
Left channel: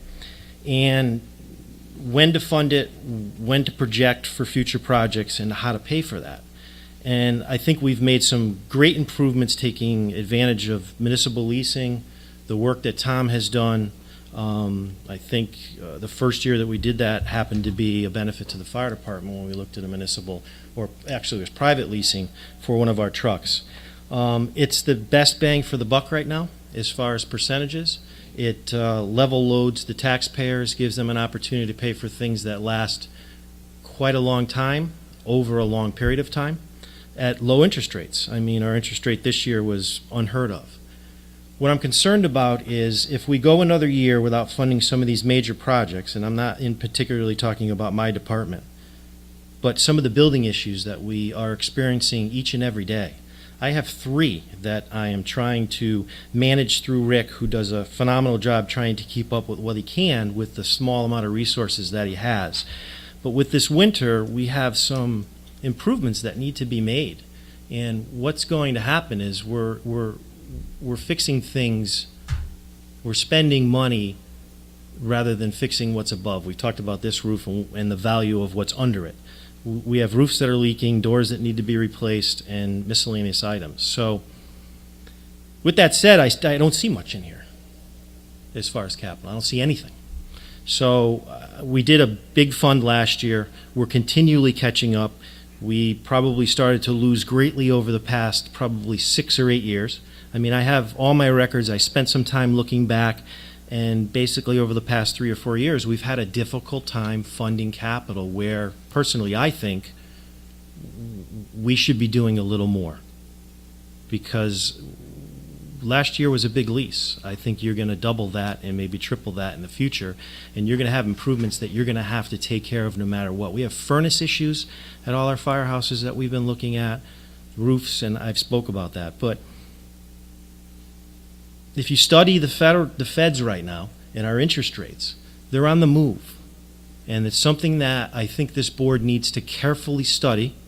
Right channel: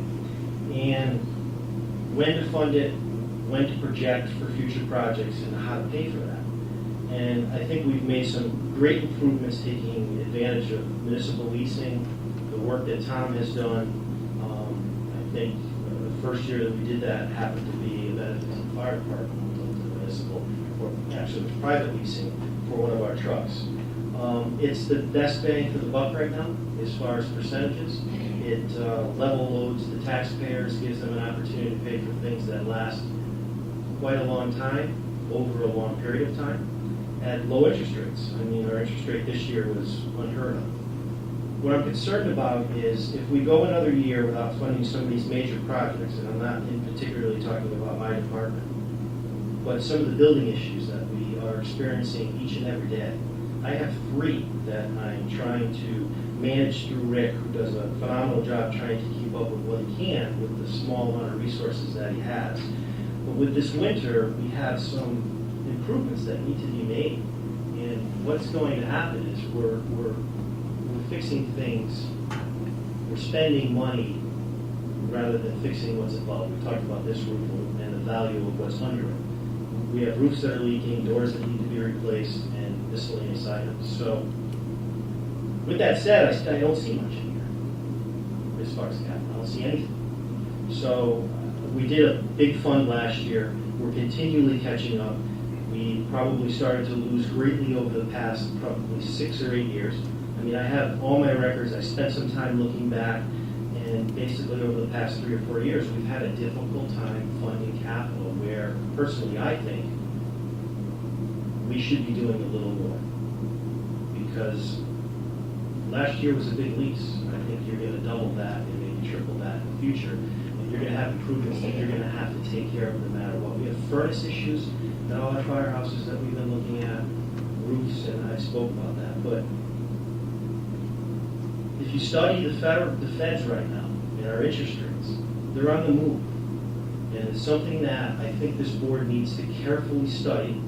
And when to fund it, when to project for future projects, and how to pay for that. And I think we've made some great improvements taking advantage of municipal leasing, the work that Tom has done. I think the first year that we did that happened to be a benefit to the fire department when we looked at a municipal, or actually it was private leasing for one of our trucks. It's the best bang for the buck right now as far as percentages. It level loads the taxpayers, gives them an opportunity to pay for things that last quite a long time, over a long period of time, at low interest rates. I mean, our interest rate this year was unheard of. What I'm concerned about is if we go another year without funding some of these major projects, and I'm not in particularly talking about my department, but some of the building issues that we are experiencing each and every day. I have 3 that I am trying to manage through Rick, who does a phenomenal job trying to keep up with what he can with the small amount of resources that he has. But with this winter, we have some improvements that need to be made. And what's going to happen is we're fixing things, we're spending money rather than fixing what's above. We talked about this roof and the value of what's under it. We have roofs that are leaking, doors that need to be replaced, and miscellaneous items. So with that said, I don't see much in here as far as capital. I don't see anything. So we did a big fund last year. We're continually catching up. We probably started to lose greatly over the past probably 6 or 8 years. I mean, I have all my records. I spent some time looking back. And basically over the past 3 or 4 years, we've had a difficult time funding capital where, personally, I think we should be doing a little more. Because last year was a big lease. I think you're going to double that and maybe triple that in the future. And you're going to have improvements that you're going to have to take care of no matter what. We have furnace issues at all our firehouses that we've been looking at, roofs, and I've spoke about that. But if you study the feds right now and our interest rates, they're on the move. And it's something that I think this board needs to carefully study,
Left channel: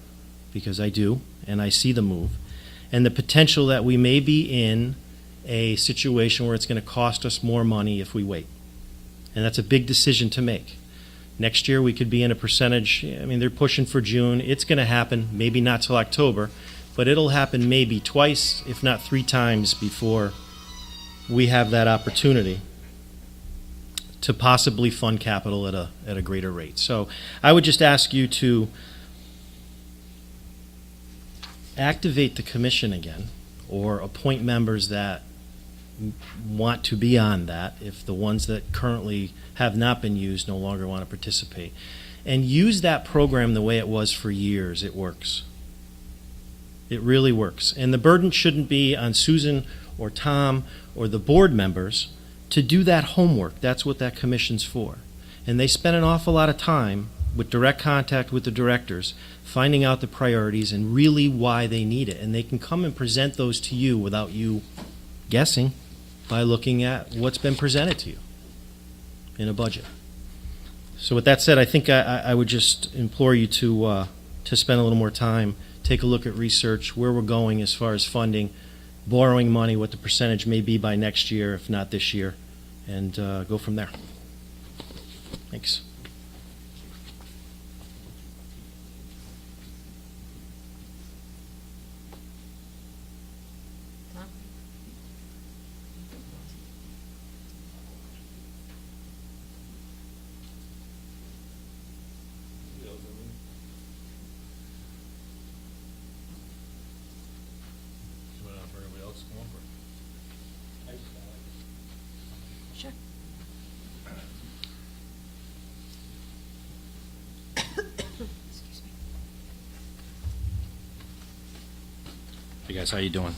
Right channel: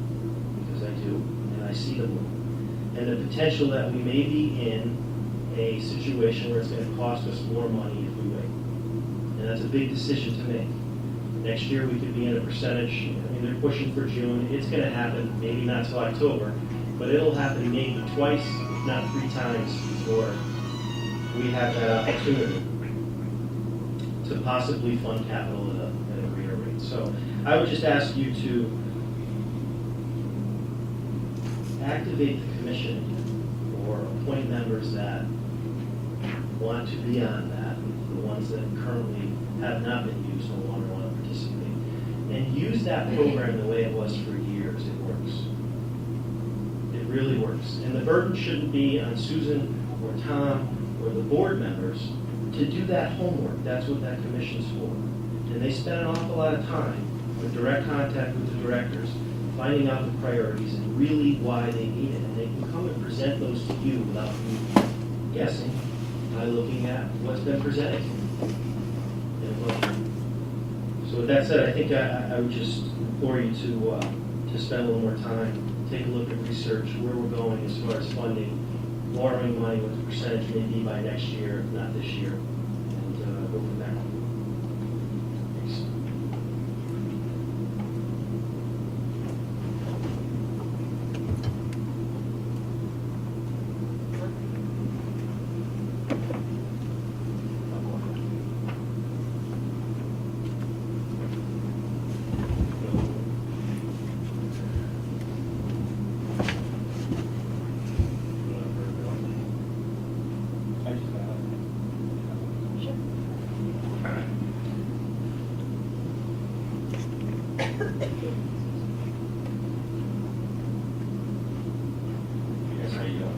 because I do, and I see the move, and the potential that we may be in a situation where it's going to cost us more money if we wait. And that's a big decision to make. Next year we could be in a percentage, I mean, they're pushing for June. It's going to happen, maybe not till October, but it'll happen maybe twice, if not 3 times before we have that opportunity to possibly fund capital at a greater rate. So I would just ask you to activate the commission again, or appoint members that want to be on that, if the ones that currently have not been used no longer want to participate. And use that program the way it was for years. It works. It really works. And the burden shouldn't be on Susan or Tom or the board members to do that homework. That's what that commission's for. And they spend an awful lot of time with direct contact with the directors, finding out the priorities and really why they need it. And they can come and present those to you without you guessing by looking at what's been presented to you in a budget. So with that said, I think I would just implore you to spend a little more time, take a look at research, where we're going as far as funding, borrowing money, what the percentage may be by next year, if not this year, and go from there. Thanks. Hey guys, how you doing?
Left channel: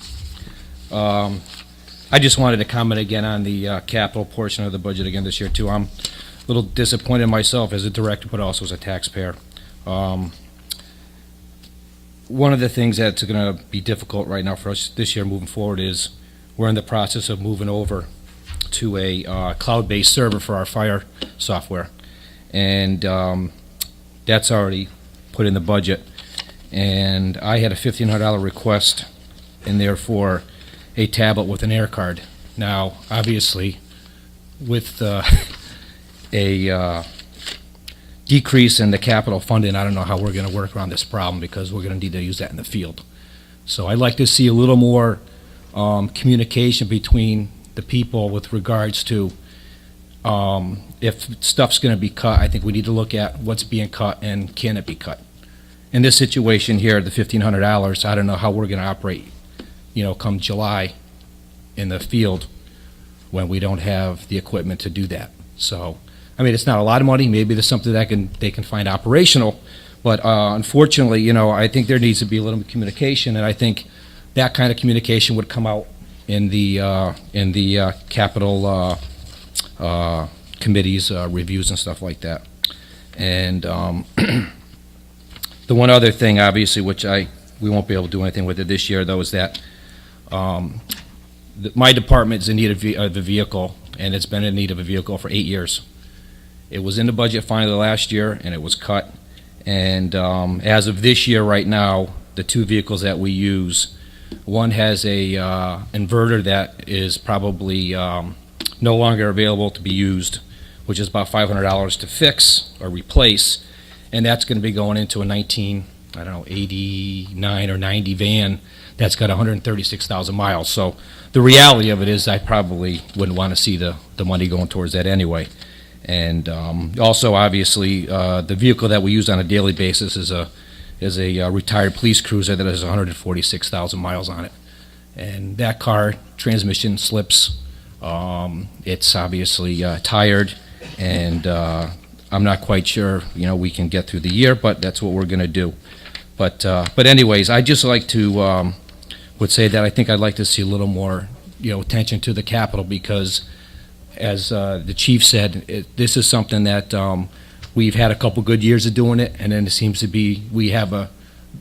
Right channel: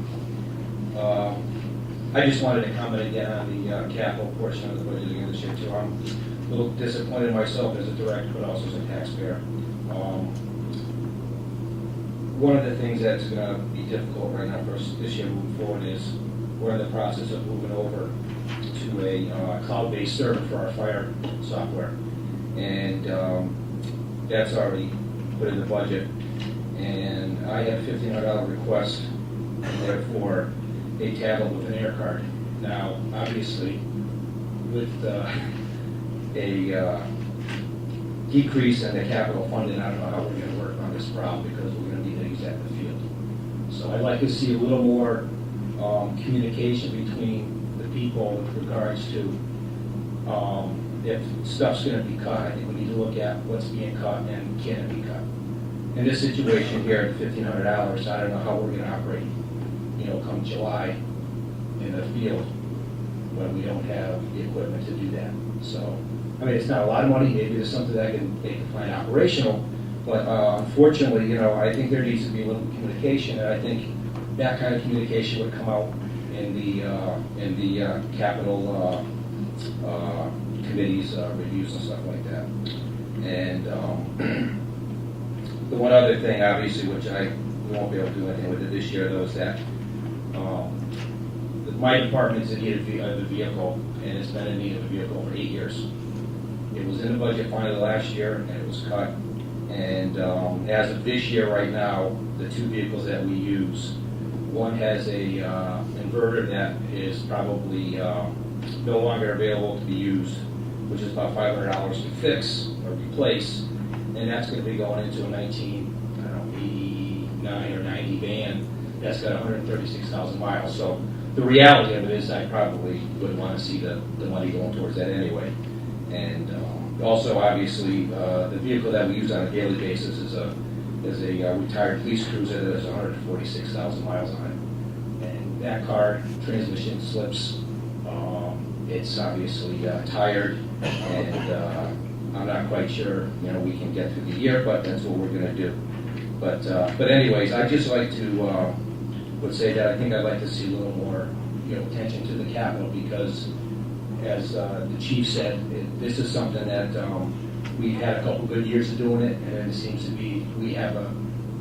I just wanted to comment again on the capital portion of the budget again this year too. I'm a little disappointed myself as a director, but also as a taxpayer. One of the things that's going to be difficult right now for us this year moving forward is we're in the process of moving over to a cloud-based server for our fire software, and that's already put in the budget. And I had a $1,500 request in there for a tablet with an air card. Now, obviously, with a decrease in the capital funding, I don't know how we're going to work around this problem because we're going to need to use that in the field. So I'd like to see a little more communication between the people with regards to if stuff's going to be cut. I think we need to look at what's being cut and can it be cut. In this situation here, the $1,500, I don't know how we're going to operate, come July in the field when we don't have the equipment to do that. So, I mean, it's not a lot of money. Maybe there's something that they can find operational, but unfortunately, I think there needs to be a little communication, and I think that kind of communication would come out in the capital committees reviews and stuff like that. And the one other thing, obviously, which we won't be able to do anything with it this year, though, is that my department is in need of a vehicle, and it's been in need of a vehicle for 8 years. It was in the budget finally last year, and it was cut. And as of this year, right now, the two vehicles that we use, one has a inverter that is probably no longer available to be used, which is about $500 to fix or replace, and that's going to be going into a 89 or 90 van that's got 136,000 miles. So the reality of it is I probably wouldn't want to see the money going towards that anyway. And also, obviously, the vehicle that we use on a daily basis is a retired police cruiser that has 146,000 miles on it. And that car, transmission slips. It's obviously tired, and I'm not quite sure, we can get through the year, but that's what we're going to do. But anyways, I just like to would say that I think I'd like to see a little more, attention to the capital, because as the chief said, this is something that we've had a couple good years of doing it, and then it seems to be we have a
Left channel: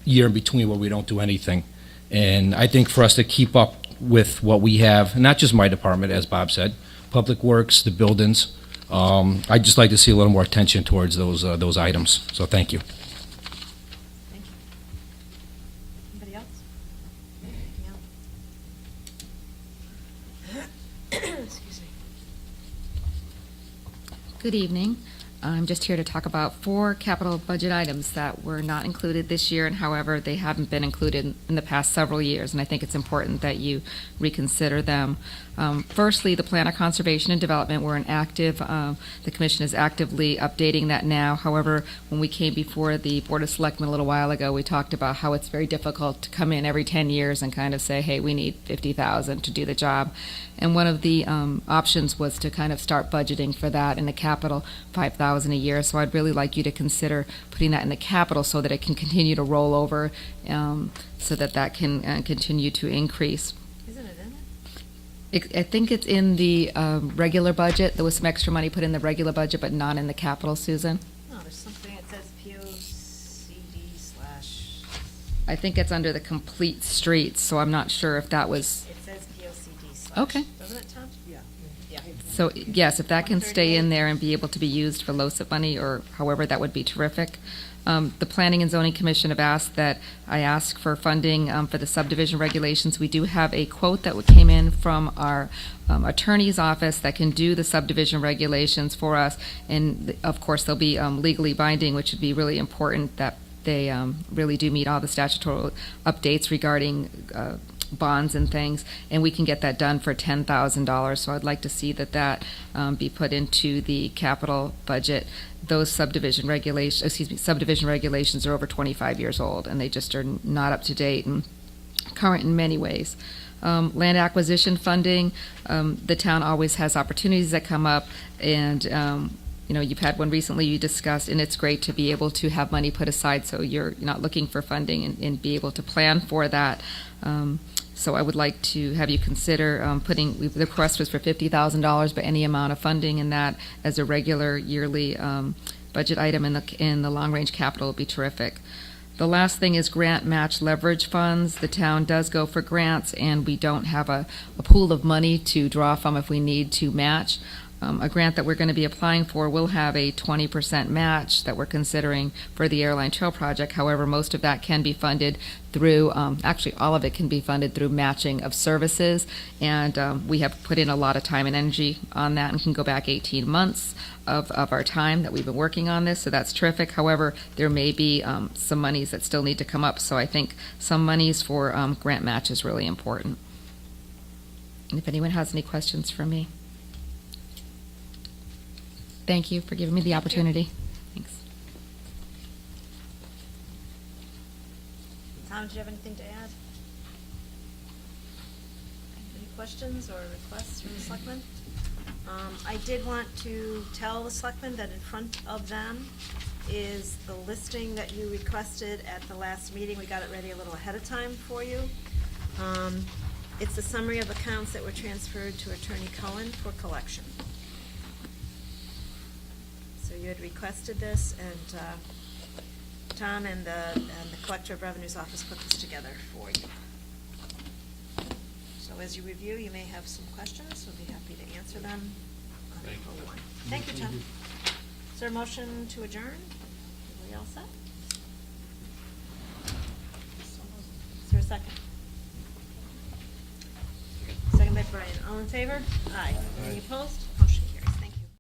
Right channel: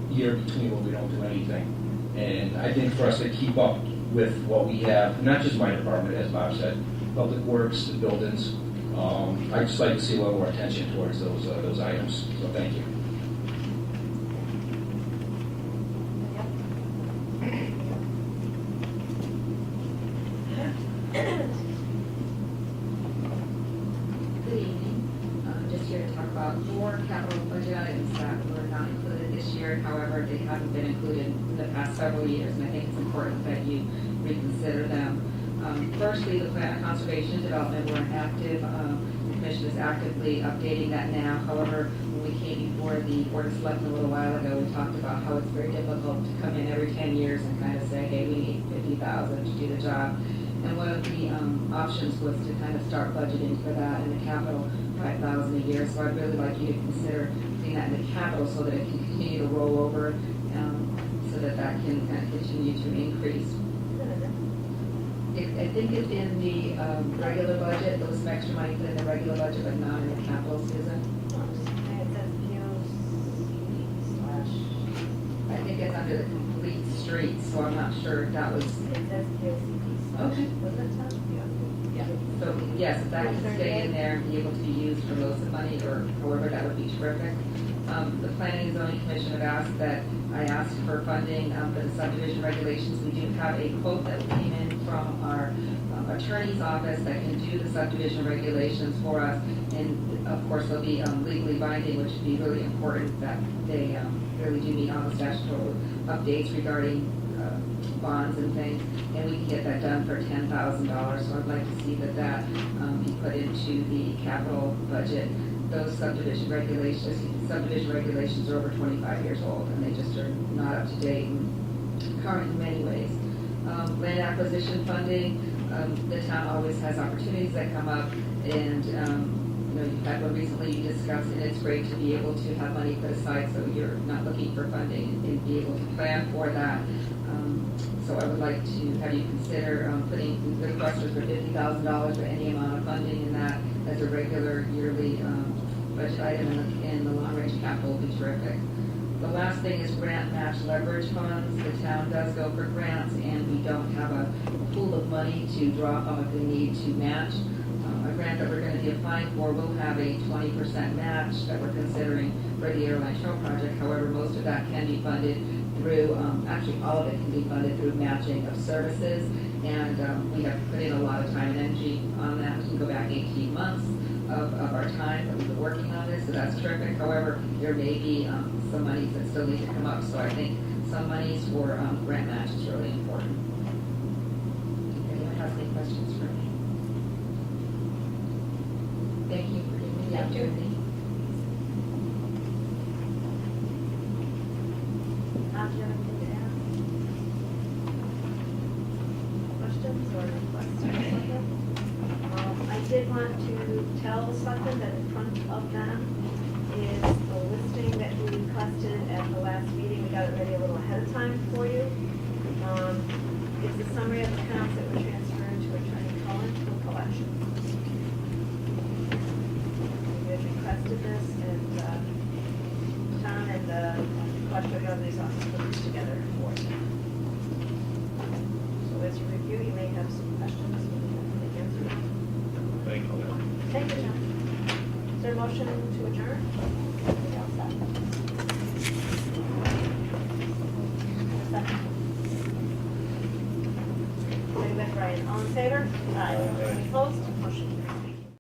year between where we don't do anything. And I think for us to keep up with what we have, not just my department, as Bob said, Public Works, the buildings, I'd just like to see a little more attention towards those items. So thank you. Good evening. I'm just here to talk about 4 capital budget items that were not included this year, and however, they haven't been included in the past several years, and I think it's important that you reconsider them. Firstly, the Plan of Conservation and Development, we're in active, the Commission is actively updating that now. However, when we came before the Board of Selectmen a little while ago, we talked about how it's very difficult to come in every 10 years and kind of say, hey, we need $50,000 to do the job. And one of the options was to kind of start budgeting for that in the capital, $5,000 a year. So I'd really like you to consider putting that in the capital so that it can continue to roll over, so that can continue to increase. I think it's in the regular budget. There was some extra money put in the regular budget, but not in the capital, Susan. Oh, something it says POCD / I think it's under the complete streets, so I'm not sure if that was, It says POCD / Okay. Was it touch? Yeah. so yes, if that can stay in there and be able to be used for LoCIP money or however, that would be terrific. The Planning and Zoning Commission have asked that I ask for funding for the subdivision regulations. We do have a quote that came in from our attorney's office that can do the subdivision regulations for us. And of course, they'll be legally binding, which would be really important that they really do meet all the statutory updates regarding bonds and things, and we can get that done for $10,000. So I'd like to see that be put into the capital budget. Those subdivision regulations are over 25 years old, and they just are not up to date and current in many ways. Land acquisition funding, the town always has opportunities that come up, and you've had one recently you discussed, and it's great to be able to have money put aside so you're not looking for funding and be able to plan for that. So I would like to have you consider putting, the request was for $50,000, but any amount of funding in that as a regular yearly budget item in the long-range capital would be terrific. The last thing is grant match leverage funds. The town does go for grants, and we don't have a pool of money to draw from if we need to match. A grant that we're going to be applying for will have a 20% match that we're considering for the Airline Trail project. However, most of that can be funded through, actually all of it can be funded through matching of services, and we have put in a lot of time and energy on that, and can go back 18 months of our time that we've been working on this, so that's terrific. However, there may be some monies that still need to come up, so I think some monies for grant match is really important. And if anyone has any questions for me. Thank you for giving me the opportunity. Thanks. Tom, do you have anything to add? Questions or requests for Selectmen? I did want to tell the Selectmen that in front of them is the listing that you requested at the last meeting. We got it ready a little ahead of time for you. It's a summary of accounts that were transferred to Attorney Cullen for collection. Requested this, and Tom and the Collector of Revenue's office put this together for you. So as you review, you may have some questions, and we'll be happy to answer them. Thank you. Thank you, Tom. Is there a motion to adjourn? We all set? Is there a second? Second by Brian. All in favor? Aye. Any opposed?